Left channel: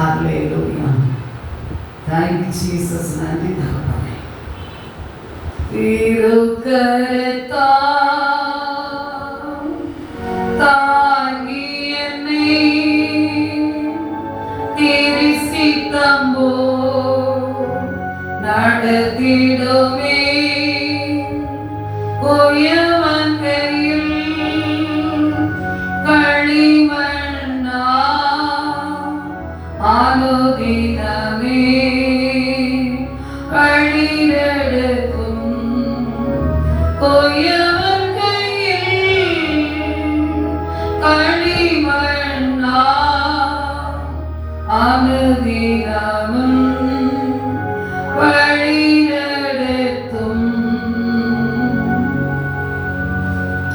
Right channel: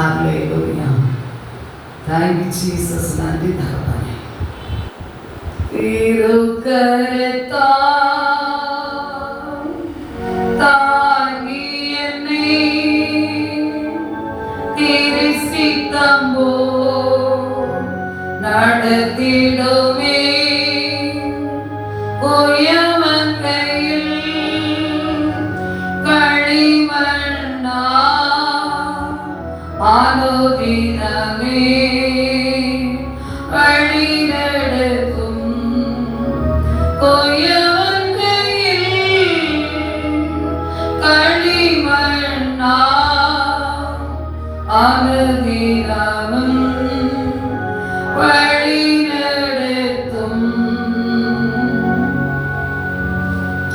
Hallelujah. Thank you Jesus. நன்றி தகப்பனே. தாங்கி என்னை திரிசித்தம்போ நடத்திடுமே கோயவன் கையில் களிமண்ணா ஆலோதினமே களிரெடுக்கும் கோயவன் கையில் களிமண்ணா ஆலோதினமும் வழிநடத்தும்.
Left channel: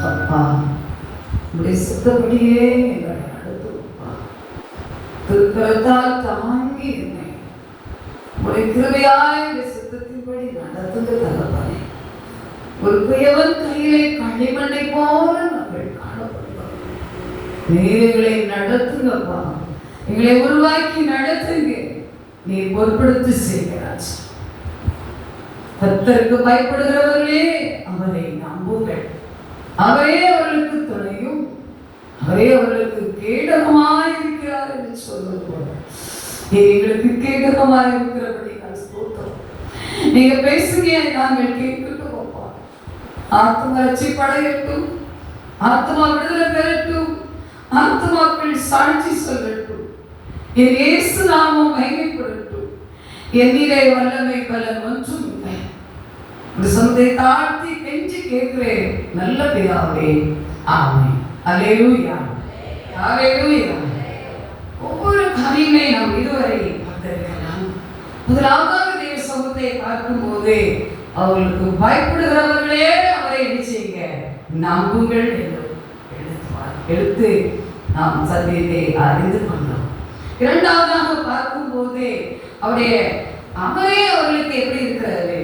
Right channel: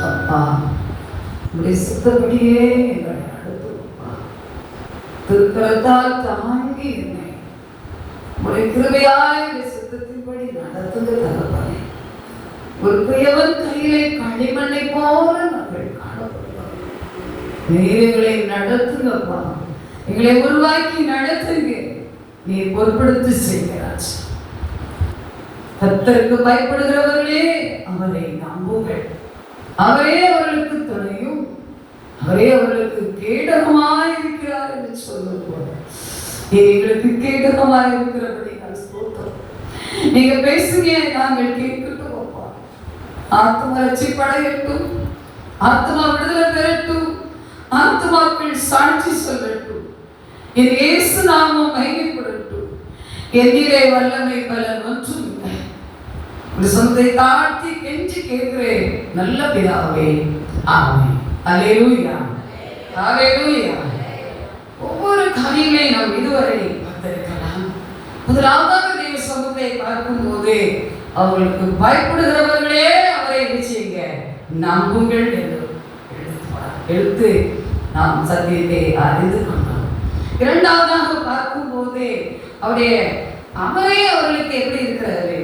அப்பா உடைய சித்தப்படியே எங்களை நடத்துப்பா. திருக்கரத்தால் தாங்கி என்னை உடைய கிருபையாய் சித்தத்தின்படி நடத்துங்க தகப்பனே. ஒரு குயவன் கையிலே களிமண்ணை போல நாங்கள் காணப்படுவோம். நீரை நடத்துங்கப்பா, எங்களை உருவாக்கி நடத்துங்க. நீ பொறுப்படுத்தி செய்கிறார். கர்த்தருக்கு பயப்படுகிறவர்களே அவரை நம்புங்கள். அவரே அவர்களுக்கு துணையும் அவரே அவர்களுக்கு கேடகமாய் இருக்கிறார் என்று சொல்வது போல எங்களுக்கு கேடகமாய் இருக்கிறபடி நான் ஸ்தோத்திரம். நீங்க பேசுங்க, நாங்கள் கேட்கிறோம். ஆத்மா ரட்சிப்படையட்டும், ஆத்மா விடுதலை பெறட்டும், ஆத்மாக்கள் சாட்சி சொல்லட்டும், என் இயேசு நாமம் மகிமைப்படட்டும். என்னிலே வல்லமை பலன் ஒன்றும் இல்லை. இந்த சொந்தை தாழ்த்தி கெஞ்சி கேட்கிறேன் நல்ல பிதாவே, ஆமென். அல்லேலூயா, அல்லேலூயா. ஒவ்வொரு காரியமே நாம் இதுவரை பார்த்திருக்கலாம். முதலாவதாக தேவ சமூகத்தை பார்க்கும் போதே அவர்களுக்கு பயப்படுகிறவர்களே அவரை என்ன செய்யுங்க, நம்புங்கள் என்று எழுத்து நாம் சத்தியத்தை அறிந்து கொண்டோம். இரண்டாவதாக பார்க்கும் போதே அவரே அவர்களுக்கு எப்படி இருக்கிறாரு,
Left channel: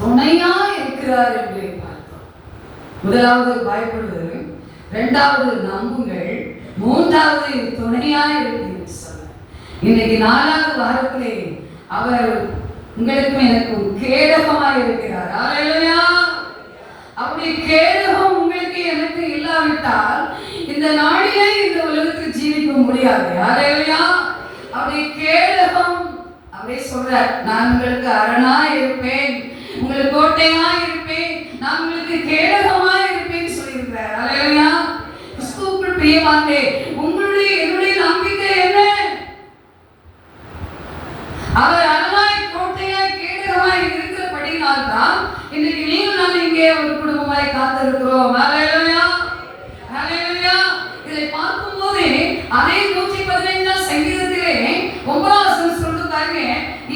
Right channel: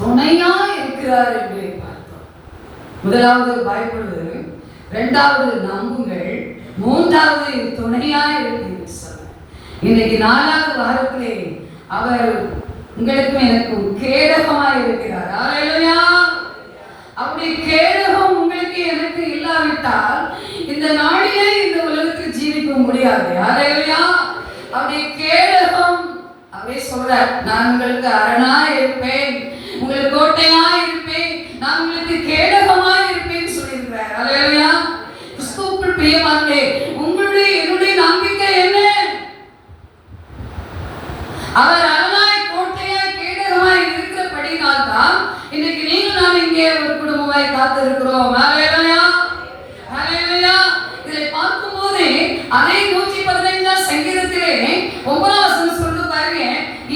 துணையா இருக்கிறார் என்று பார்த்தோம். முதலாவது பயப்படுவது, இரண்டாவது நம்புங்கள், மூன்றாவது துணையா இருக்கிறது சொல்ல. இன்னைக்கு 4வது வாரத்திலே அவர் உங்களுக்கும் எனக்கும் கேடகமாய் இருக்கிறார். அல்லேலூயா. அப்படி கேடகம் உங்களுக்கு எனக்கு இல்லாவிட்டால் இந்த நாளிலே இந்த உலகத்தில் ஜீவிக்க முடியாது. அல்லேலூயா. அப்படி கேடகம் அவரே சொல்றார், நான் உங்களுக்கு அரணாய் இருப்பேன், உங்களுக்கு கோட்டையாய் இருப்பேன், நான் உங்களுக்கு கேடகமாய் இருப்பேன் சொல்லியிருக்கிறார். அல்லேலூயா. கிறிஸ்துவுக்குள் பிரியமானவர்களே, உங்களுடைய என்னுடைய நம்பிக்கை என்ன? அவர் அரணாய் கோட்டையாய் கேடகமாய் இருக்கிறபடியினால் தான் இன்னைக்கு நீங்கள் நான் இங்கே ஒரு குடும்பமாய் காத்திருக்கிறோம். அல்லேலூயா, அல்லேலூயா. இதை பார்க்கும்போது அதே 115 சங்கீதத்திலே 9வது வசனம் சொல்லுகிறாங்க,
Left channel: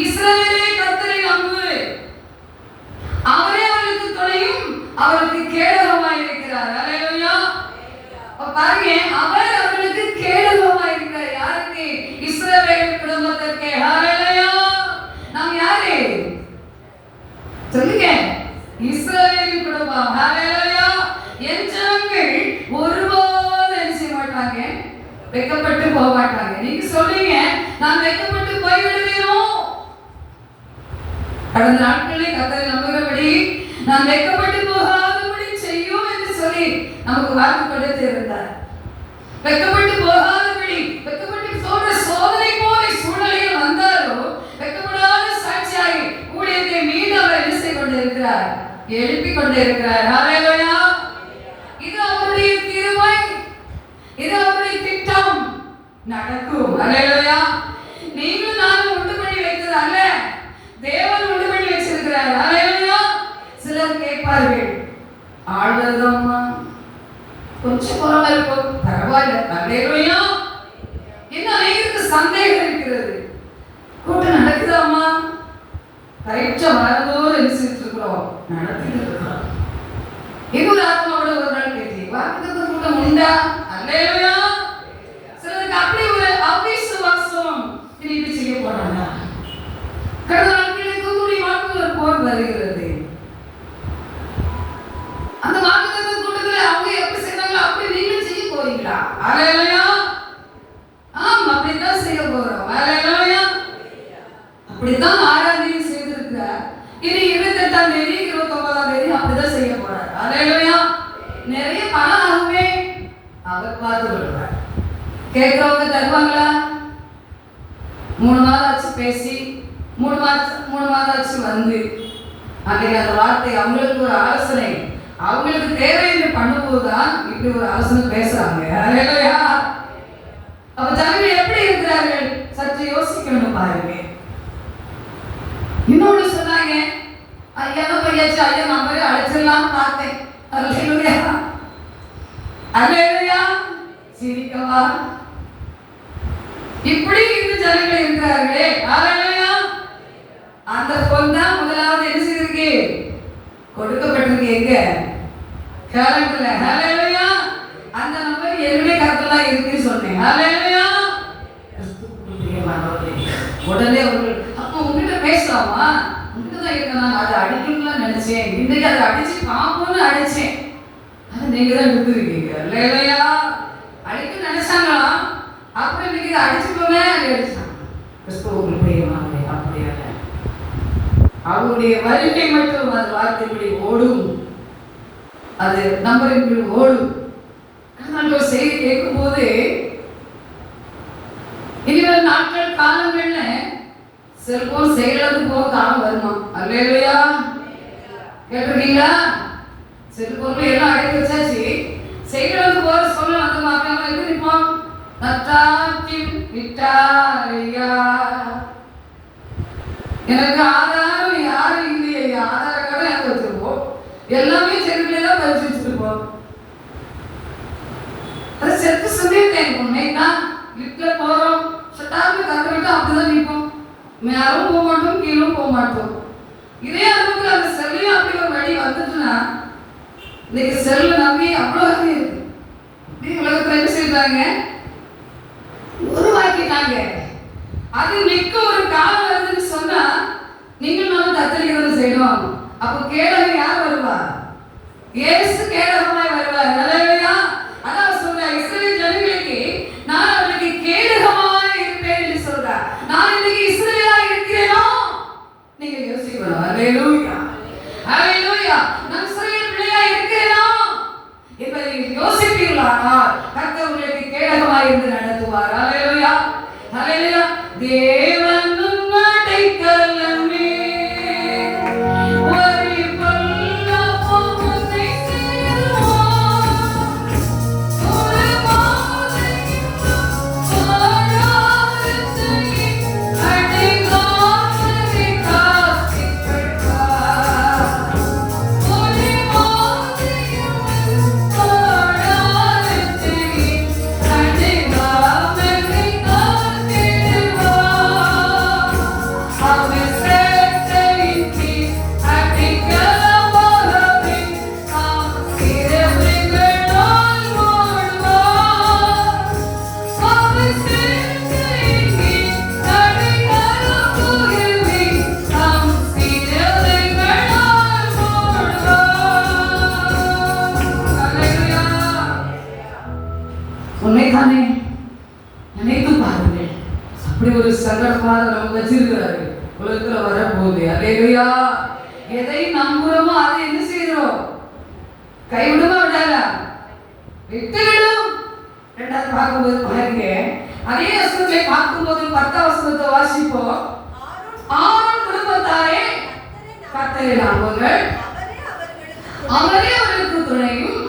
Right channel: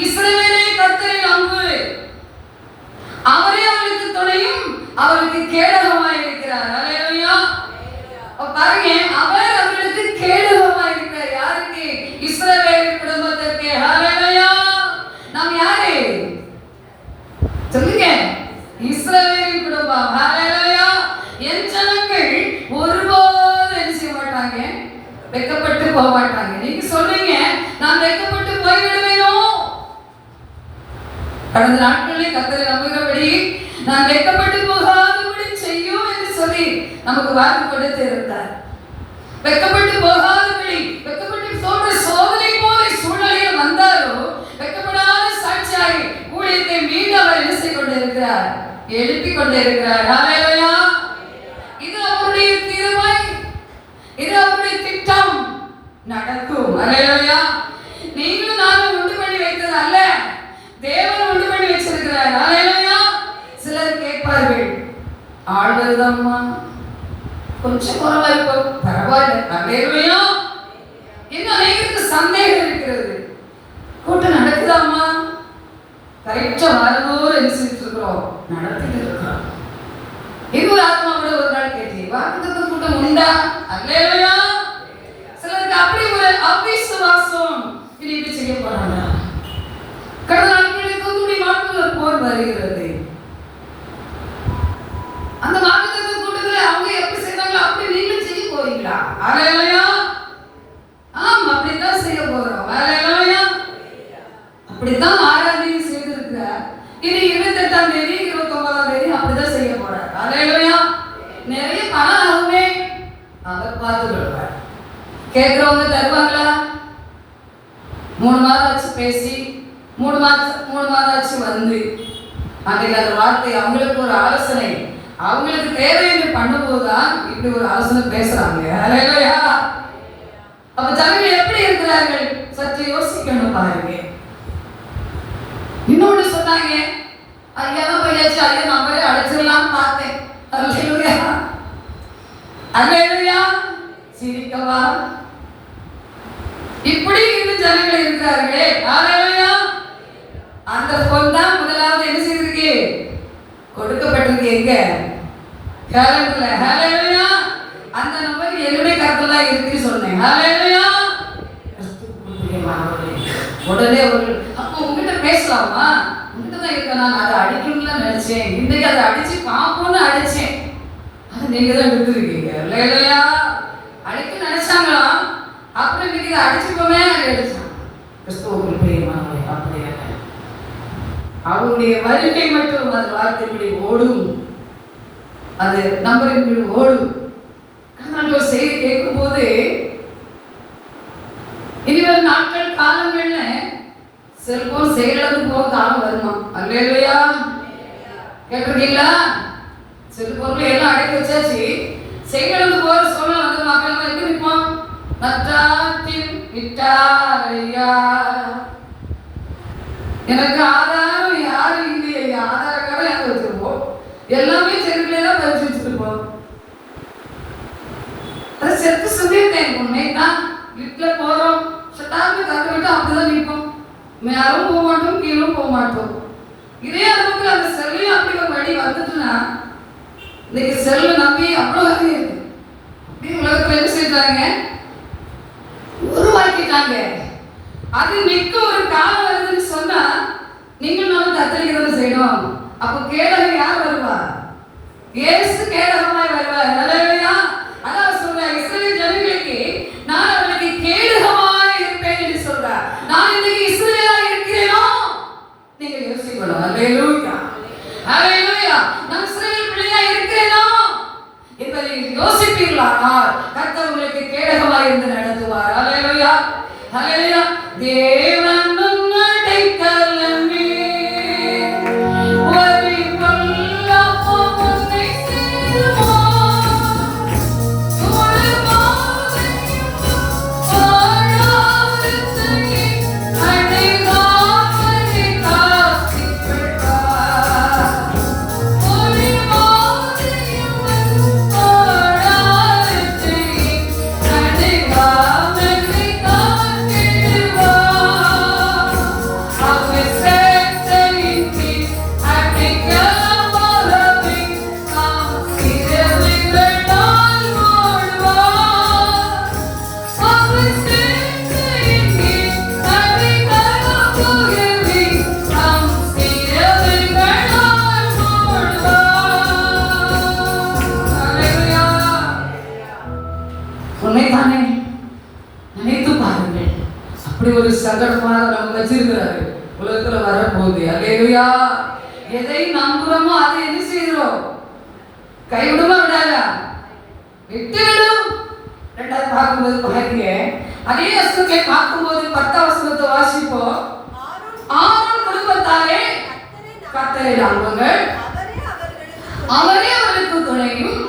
இஸ்ரவேலே கர்த்தரை நம்பு, அவரே அவருக்கு துணையும் அவருக்கு கேடகமாய் இருக்கிறார். அல்லேலூயா. பாருங்க, அவர் அவர்களுக்கு கேடகமாய் இருக்கிறார். யாருக்கு? இஸ்ரவேல் குடும்பத்திற்கு. அல்லேலூயா. நாம் யாரு சொல்லுங்க? இஸ்ரவேல் குடும்பம். அல்லேலூயா. என் ஜனங்கள் ஒருபோதும் என்ன செய்ய மாட்டாங்க, வெட்கப்பட்டு போக மாட்டாங்க. நீங்க சொல்றீங்க, நான் வெட்கப்பட்டு போய்விடுவேனோ? கடந்த நாட்களிலே கர்த்தரை நம்புகிறபடி நான் வெட்கப்பட்டு போகாதபடி செய்யும் என்று சொல்லி நமக்கு வாக்கு கொடுத்து இருந்தார். வெட்கப்பட்டு போகாதபடி, வெட்கப்பட்டு தோன்ற சோதனை போல சூழ்நிலையில் வந்தாரோ வெட்கப்படாத சாட்சியாய் ஊழியத்தை மீண்டும் அவர் என்ன செய்து கொண்டிருக்கிறார், எழுப்பிக் கொண்டிருக்கிறார். அல்லேலூயா. இது அவருடைய தீர்மாய், இது அவருடைய திட்டம், நடக்கும். அல்லேலூயா. நீங்களும் நானும் உண்டு பண்ணி வைத்தது அல்ல, தேவன் உண்டு பண்ணி வச்சிருக்கிறார். அல்லேலூயா. சிலர் கேட்பார்கள், ஆழ்வதுதான்மா கொஞ்சம் குறவா இருக்கும், பரவாயில்ல. அல்லேலூயா. இன்னும் அநேகருக்கு சந்தேகம் இருக்கிறது, கூட்டம் நடக்குதாம்மா? கரெக்டா வரதோடு என்ன செஞ்சுட்டு இருக்கிறோம், நடத்திட்டு இருக்கிறோம். இன்னொரு ஆத்மாவோட ஒரு நாள் கேட்டீங்க, வாக்குத்தத்த கூட்டம் உண்டா? அல்லேலூயா. சிலருக்கு அப்படி ஒரு அவிசுவாசம், இது இப்படி செய்ய போறாங்க. கடந்த நாட்களில் தூத்துக்குடி மாவட்டத்தில் ஒரு போர் வருகிறது. அந்த வாக்குத்தத்த கூட்டத்தில் அவங்க எப்படி செய்யறாங்களோ அப்படி நீங்க செய்ய போறீங்களா? அல்லேலூயா. ஆமா, அப்படித்தான் செய்ய போறோம். இப்படித்தான் 6ஆம் தேதி செய்திருக்கிறார். இது 28ஆம் தேதி 29ஆம் தேதி அப்படிதான் செய்ய போறார். அல்லேலூயா. நிறைய பணம் ஆகுமே, அவர் பார்த்து கொள்வார். கேட்கிறவங்க தருவாங்களா? 3 மாதம் ஆச்சு பேசி, 3 மாதம் ஆச்சு வந்து, அன்றைக்கு அந்த வார்த்தை அவங்களுக்கு ஒரு ஆலோசனை, அவங்களுக்கு தேவைன்னு பண்ணும்போதுதான் இப்படி ஒரு ஆலோசனை பேசுறாங்க. அல்லேலூயா. அப்ப ஜனங்கள் எப்படி இருக்கிறார்கள் சற்று யோசிக்கணும் பாருங்க. இன்னொன்று சொன்னாங்க, ஐயா பையாச்சு, ஐயா நம்பரே அழைச்சிடலாம்னு பார்த்தேன். அல்லேலூயா. அல்லேலூயா. சிரிக்கவா? இப்படி இந்த ஜனங்கள் இருக்கிறார்களே. அல்லேலூயா. அந்த பொன் தான் முதலாவது என்ன செய்திருக்கு? கொடுக்கப்பட்டிருக்கு. எங்க? கேலண்டர்ல. அல்லேலூயா. அந்த நம்பர் என்னுடைய கருத்தெல்லாம் இருக்குன்னு சொன்னேன். அல்லேலூயா. உடனே அப்போ உங்ககிட்ட பேசலாமா? உங்ககிட்ட தான் இருக்க, நான் அதை அடிக்கணும்னு நினைச்சேன், இன்னைக்கு அதை அடிச்சு பார்ப்போம்னு அடிச்சேன், அதை நீங்க தான் விட்டுருக்கீங்க. இல்லையா? அடிக்க நினைச்சாங்களாம், அப்புறம் இன்னைக்கு அடிச்சுப்போமே அடிச்சாங்க. கிறிஸ்துவுக்கு அப்படியா? அவருடைய வருகை மட்டும் அந்த வார்த்தைப்படி ஓடும், அது நம்பரின் ஓடும். ஒரு செய்தி கேட்கும் போது இனிவரும் நாட்கள் காலங்கள்ல செல்போன் செயலிழந்து போக காலம் வருமா? அல்லேலூயா. கேட்டிருக்கீங்களா? செல்போன்ல எல்லாம் அடைக்க வச்சாச்சு, செயலிழந்து போற சூழ்நிலை வந்து மக்கள் இருக்கு நிற்போம். நத்தாற்றில் விட்டாரையா, எனக்கு ஆதாரம் யாரும் இல்லையா, ஆதார கார்டு எனக்கு வச்சிருப்போம், எல்லாமே செல்போன்ல பதிச்சு வச்சிருப்போம். அது செத்து சொல்லிட்டேன், உண்மைதான். வீட்டுல போறோம், சட்டாக்கு கத்துக்கிட்டு அப்படிதான் நிற்போம், மேலும் போக மாட்டோம், கீழும் போக மாட்டோம். இதே அளவுக்கு அந்த செல்லையும் அப்படி ஒரு வழி வந்துட்டுன்னா, இன்னைக்கு செல்ல நம்பி அவ்வளவு இருக்கு. உலகத்துல என்ன செய்யறாங்க? உருவாக்கிட்டாங்க. அது நிற்க ஒரு காலம் வருதுன்னு சொன்னா நீங்கள் நானும் கத்தரிக்கிறது செய்யணும். அப்ப கேடகம் யார் வருவா? இயேசு கேடகமாய் வருவார். அல்லேலூயா. அதான் சொல்ற இஸ்ரவேல் ஜனங்களுக்கு நான் அவர்களுக்கு கேடகமாய் இருப்பேன் என்று சொல்றார். நான் இன்னைக்கு இஸ்ரவேலா இருக்கிறேனோ? நீங்க யோசிக்கணும். அல்லேலூயா. அல்லேலூயா. நான் இஸ்ரவேல் பிள்ளையா இருக்கிறேனோ என்பதை யோசிப்பீர்களானால் கர்த்தர் உங்களுக்கு கேடகமாய் இருந்து நடத்துவார். அல்லேலூயா. அல்லேலூயா. தேவன் அடைக்கலமே, நினைத்து பாருங்கள். அப்படி ஒரு சங்கடமாக நம்ம வச்சிருக்கிறாரு உலகத்துல வரப்போகுது. அல்லேலூயா. எதை நம்புறோமோ அதை என்ன செய்கிறோம்? கைவிடுமா விடாதா? விட்டுவிடும். ரெண்டாவது பார்க்கும்போது பாருங்க, அதே வசனத்தை பார்க்கும்போது 10ஆம் வசனத்தை வாசிப்போம். ஆரோன் குடும்பத்தாரே கர்த்தரை நம்புங்கள், அவரே அவர்களுக்கு துணையும்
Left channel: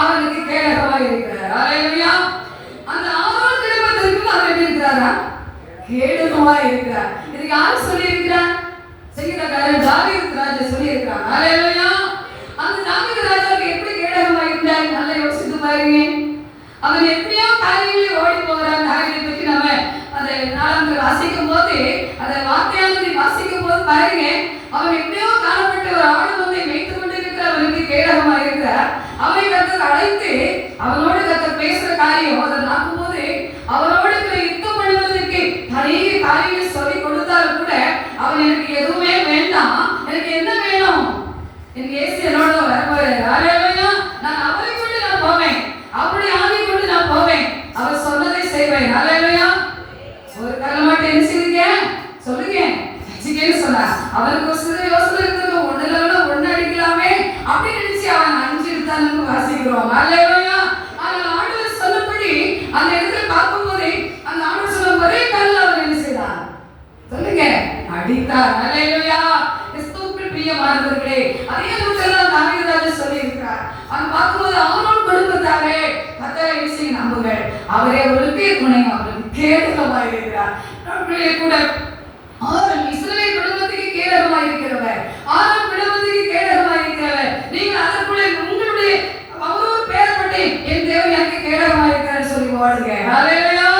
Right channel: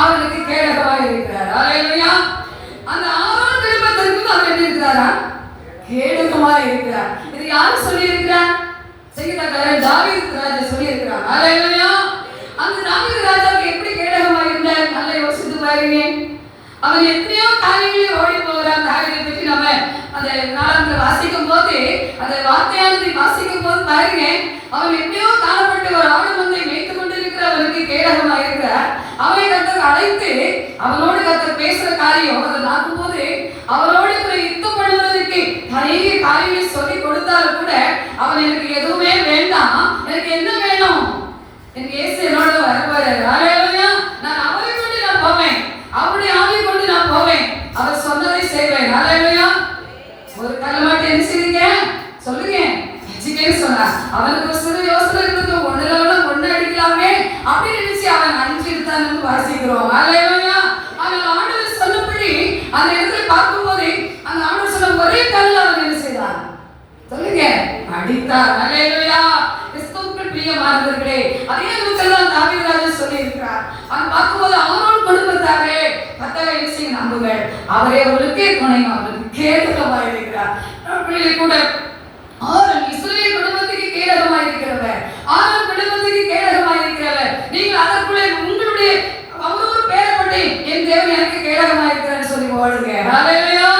அவர்களுக்கு கேடகமாய் இருக்கிறார். அல்லேலூயா. அந்த ஆரோன் குடும்பத்திற்கு அவர் எப்படி இருக்கிறாரா? கேடகமாய் இருக்கிறார். இது யார் சொல்லி இருக்கிறார்? சங்கீதக்காரன் தாவீது ராஜா சொல்லி இருக்கிறார். அல்லேலூயா. அந்த தாவீது ராஜாவுக்கு எப்படி கேடகமாய் இருந்தார்? நல்லா யோசித்து பாருங்க. அவன் எத்தனையோ காரியங்களில் ஓடி போகிறான். தாவீதை பற்றி நம்ம அந்த நாளத்தில் வாசிக்கும் போது, அந்த வார்த்தையானதை வாசிக்கும் போது பாருங்க, அவன் எப்படியோ காணப்பட்ட ஒரு ஆடு மந்தை மேய்த்து கொண்டிருக்கிற அவனுக்கு கேடகமாக இருக்கிறார். அவனை கர்த்தர் அழைத்து அவனோடு கர்த்தர் பேசுற காரியம் அதை பார்க்கும் போது, அவனோடு யுத்தம் பண்ணுவதற்கு நிறைய காரியங்களை சொல்லி கொடுத்தாலும் கூட அவன் எனக்கு எதுவுமே வேண்டாம், எனக்கு என்ன வேணும்? எனக்கு இயேசு என்னோட வரப்பாரு. அல்லேலூயா. நான் அவரை கொண்டு நான் போவேன், அவருடைய ஆவியை கொண்டு நான் போவேன், அவர் சொன்னதை செய்வேன். அல்லேலூயா. ஒரு காலம் மட்டும் என்ன செய்வீங்க? சொல்லுங்க. ரட்சிப்பேன்னு சொன்னா அவனுக்கு ஒரு சிறு யோசனை இருந்தது, ஒண்ணு அடிக்கலாமே அப்படின்னு நினைச்சு அவன் 5 எடுத்தான்னு வாசிக்கிறோம். அல்லேலூயா. ஆனால் ஆண்டவர் சொன்னபடி அந்த இடத்துல பார்க்கும்போது அந்த ஆண்டவர் சொன்ன ஒரே கல்ல அவன் என்ன செய்தான்? சொல்லுங்க, அடித்தார். அல்லேலூயா. கிறிஸ்துவுக்குள் பிரியமானவர்களே, அதே விதத்தில் தாவீது ராஜா சொல்லி இருக்கிறார். அவன் பார்க்கும்போது அவரோட குடும்பத்தாரே கர்த்தரை நம்புங்க, அவரே அவருக்கு துணை, அவருக்கு கேடகமாக இருக்கிறார். கூட ஆரோன் இஸ்ரவேல் குடும்பத்துக்கு கேடகமாக இருக்கிறவர், ஆரோன் குடும்பத்துக்கு கேடகமாக இருக்கிறவர். நீங்கள் அதற்குள்ளே உங்களுடைய அவரோடு பேரப்பட்டு என் தேவன் எனக்கு கேடகமாக இருக்கிறார் சொல்லி ஓடுங்க. ஹல்லேலூயா.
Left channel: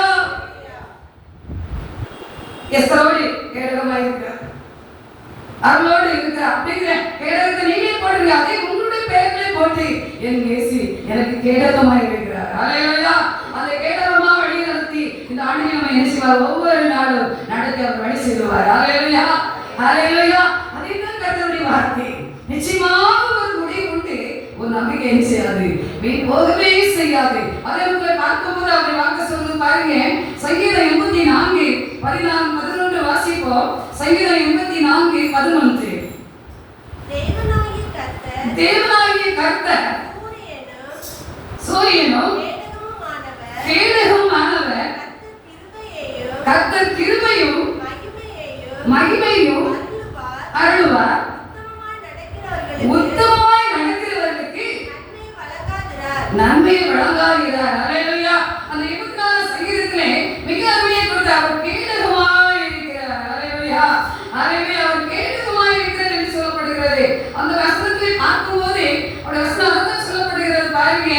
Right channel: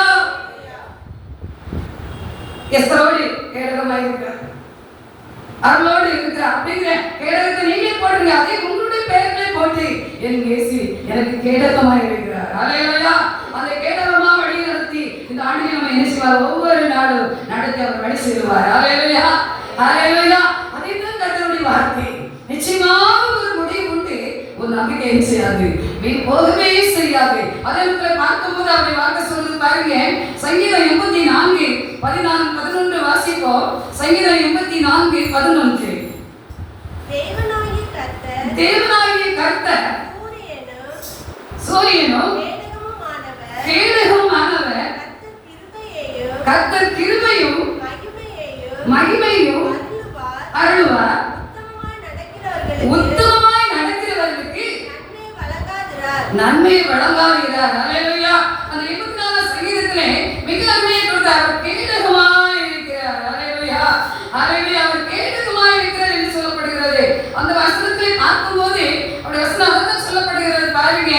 எஸ்தரோடு கேடகமாக இருக்கிறார், அவளோடு இருக்கிறார் அப்படிங்கிற கேடகத்தை நீங்க போடுங்க. அதே உங்களுடைய பேர்களை போட்டு என் இயேசு எனக்கு கேடகமாக இருக்கிறார். ஹல்லேலூயா. அந்த கேடகமா வழி நடத்தி இந்த ஆண்டில் நம்ம என்ன செய்வார்? ஒவ்வொரு நாளும் நடத்தி அவர் வழி செய்வார். ஹல்லேலூயா. ஹல்லேலூயா. அதுதான் கர்த்தருடைய வார்த்தை. நிச்சயமாக ஒரு முடிவு உண்டு. ஒரு நம்பிக்கை என்ன செய்யாது? போகவே செய்யாது. அதற்கு பார்க்கும்போது அப்படி வார்த்தை சொல்லுது பாருங்க. சங்கீதம் 84:14-11 வாசிப்போம். சங்கீதம் 84:11. தேவனாகிய கர்த்தர் சூரியனும் கேடகமானவர், கர்த்தர் கிருபையும் மகிமையும் அருள்வார். உத்தமமாய் நடக்கிறவர்களுக்கு நன்மை வழங்காகிறார். அல்லேலூயா. அந்த 24 சங்கீதத்திலே மிக அருமையை கொடுத்தார். அவர் கேடகமாய் இருக்கிறார். அல்லேலூயா. அல்லேலூயா. அவர் கேடகமாய் இருக்கிறார் என்று சொல்லப்படுகிறது. அந்த வசனத்தை பார்க்கும்போது அவருடைய வசனம் அதான் சொல்லப்படுகிறது பாருங்க.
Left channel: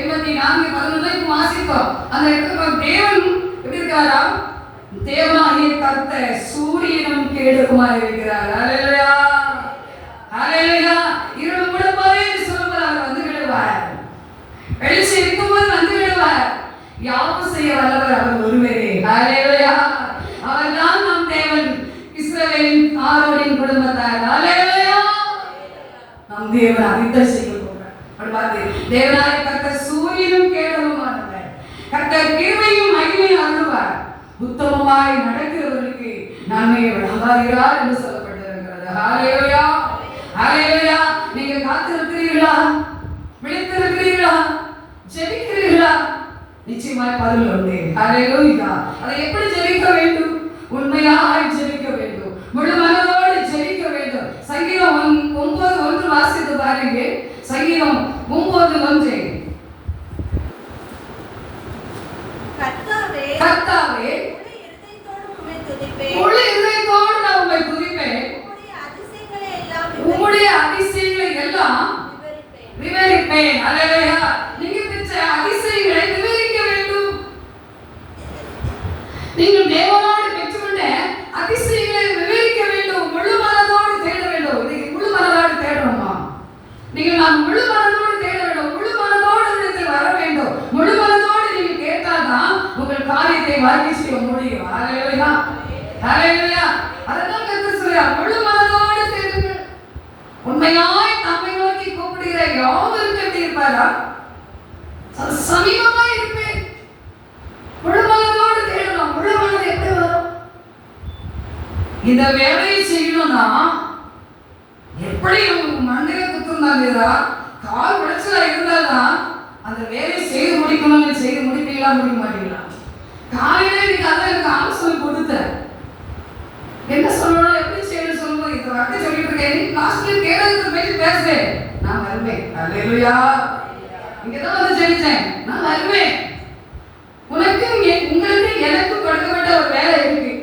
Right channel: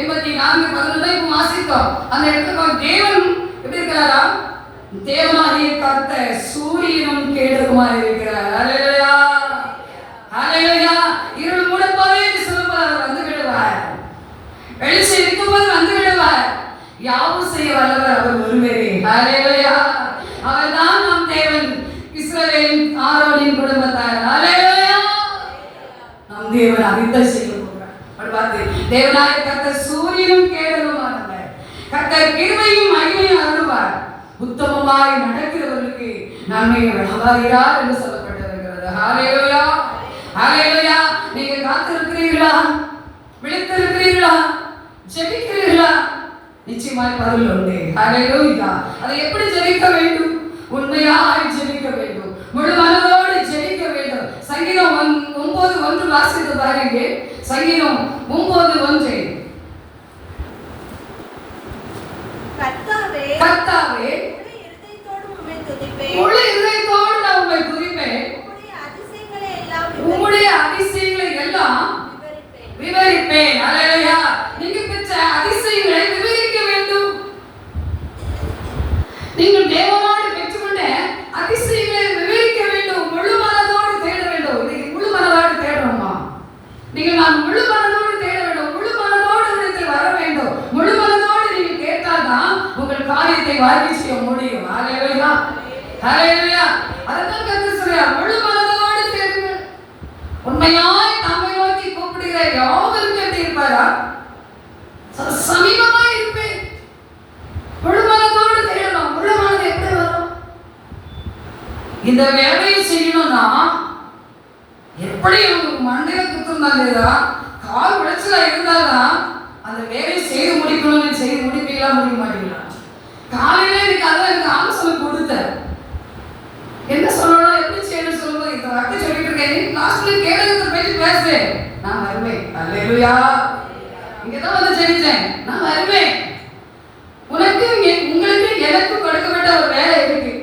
84:11 இப்ப வாசிப்போம். அந்த இடத்துல தேவன் எப்படி இருக்கிறாரா? தேவனாகிய கர்த்தர் சூரியனும் கேடகமாய் இருக்கிறார். அல்லேலூயா. அல்லேலூயா. இருள் மூடப்போதே சொல்லும்போது அவர் வந்து விடுவார், வெளிச்சம் இருக்கும்போது வந்து விடுவார். யாவும் செய்ய வல்லவர் அவர் ஒருவரே. அல்லேலூயா. அவர்தான் நம் தேவன், இஸ்ரவேலின் ஆரோனின் குடும்பத்தார். அல்லேலூயா. நம் தேவன் அனைத்தையும் செய்ய போகிறார். அப்படி பார்த்து தேவனாகிய கர்த்தர் சூரியனும் கேடகமானவர், கர்த்தர் கிருபையும் மகிமையும் அருள்வார். உத்தமமாய் நடக்கிறவர்களுக்கு நன்மையை வழங்குகிறார் என்று சொல்லப்பட்டிருக்கிறது. ஹல்லேலூயா. ஹல்லேலூயா. நீங்கள் காத்திருக்கிறீர்களா? விழித்திருக்கிறீர்களா? ஜெபிக்கிறீர்களா? நிச்சயமாய் பதில் உண்டு. ஹல்லேலூயா. அதை எப்படி ஜெபிக்க வேண்டும்? உண்மையாய் ஜெபிக்க வேண்டும், முழு மனதோடு ஜெபிக்க வேண்டும். சங்கீதம் 9:1 வாசித்து பாருங்க. சங்கீதம் 9:1. கர்த்தாவே, முழு இதயத்தோடு நான் உம்மை துதிப்பேன், உம்முடைய அதிசயங்களை எல்லாம் விவரிப்பேன். அல்லேலூயா. நீங்க பெற்ற அதிசயங்களை விவரிக்க வேண்டும். நீங்கள் தேவனோடு பெற்றுக்கொண்ட அதிசயங்களை விவரிக்க வேண்டும். முழு மனதோடு தேட வேண்டும். இன்னைக்கு முழு மனதோடு தேடணுமா? நீங்கள் நான் முழு மனதோடு தேட வேண்டும். முழு மனதோடு இடத்தில் வர வேண்டும். முழு மனதோடு நீங்கள் கேட்டால்தான் உங்கள் காரியத்தை வாங்கி செய்ய முடியும். ஹல்லேலூயா. ஹல்லேலூயா. அதான் கர்த்தர் சொல்றார், முழு மனதோடு தேடுங்க. உண்மையாய் நம்மை நோக்கி கூப்பிடுகிற யாவரும் எப்படி இருப்பாரா? சமீபமாய் இருப்பேன். முழு மனதோடு தேடணும். முழு மனது எப்படி வரும்? இந்த வேலையை செய்யணும்னா எப்படி மண்டையில குத்துந்தாங்க, கால் உடைச்சலா இருந்தால்தான் அந்த வேலையை செய்து முடிக்கணும்னு செய்து முடிப்பீங்களா? முடிக்க மாட்டீங்களா? காலையிலே எனக்கு அதான் எனக்கு ஆலோசனை கொடுத்தேன். என்ன சொல்லணும், எப்படி செய்யணும் சொல்லுங்க. இந்த வார்த்தை சொல்லிட்டு இருக்கேன். லாஸ்ட்ல கேடகத்தை பற்றி பேசுறேன். நான் வருவேன். அல்லேலூயா. இங்கதான் வந்து ஜெபிச்சேன். நான் வருவேன். உங்களுக்கு எனக்கு கொடுக்கப்பட்ட ஒரு வேலை இருக்கு.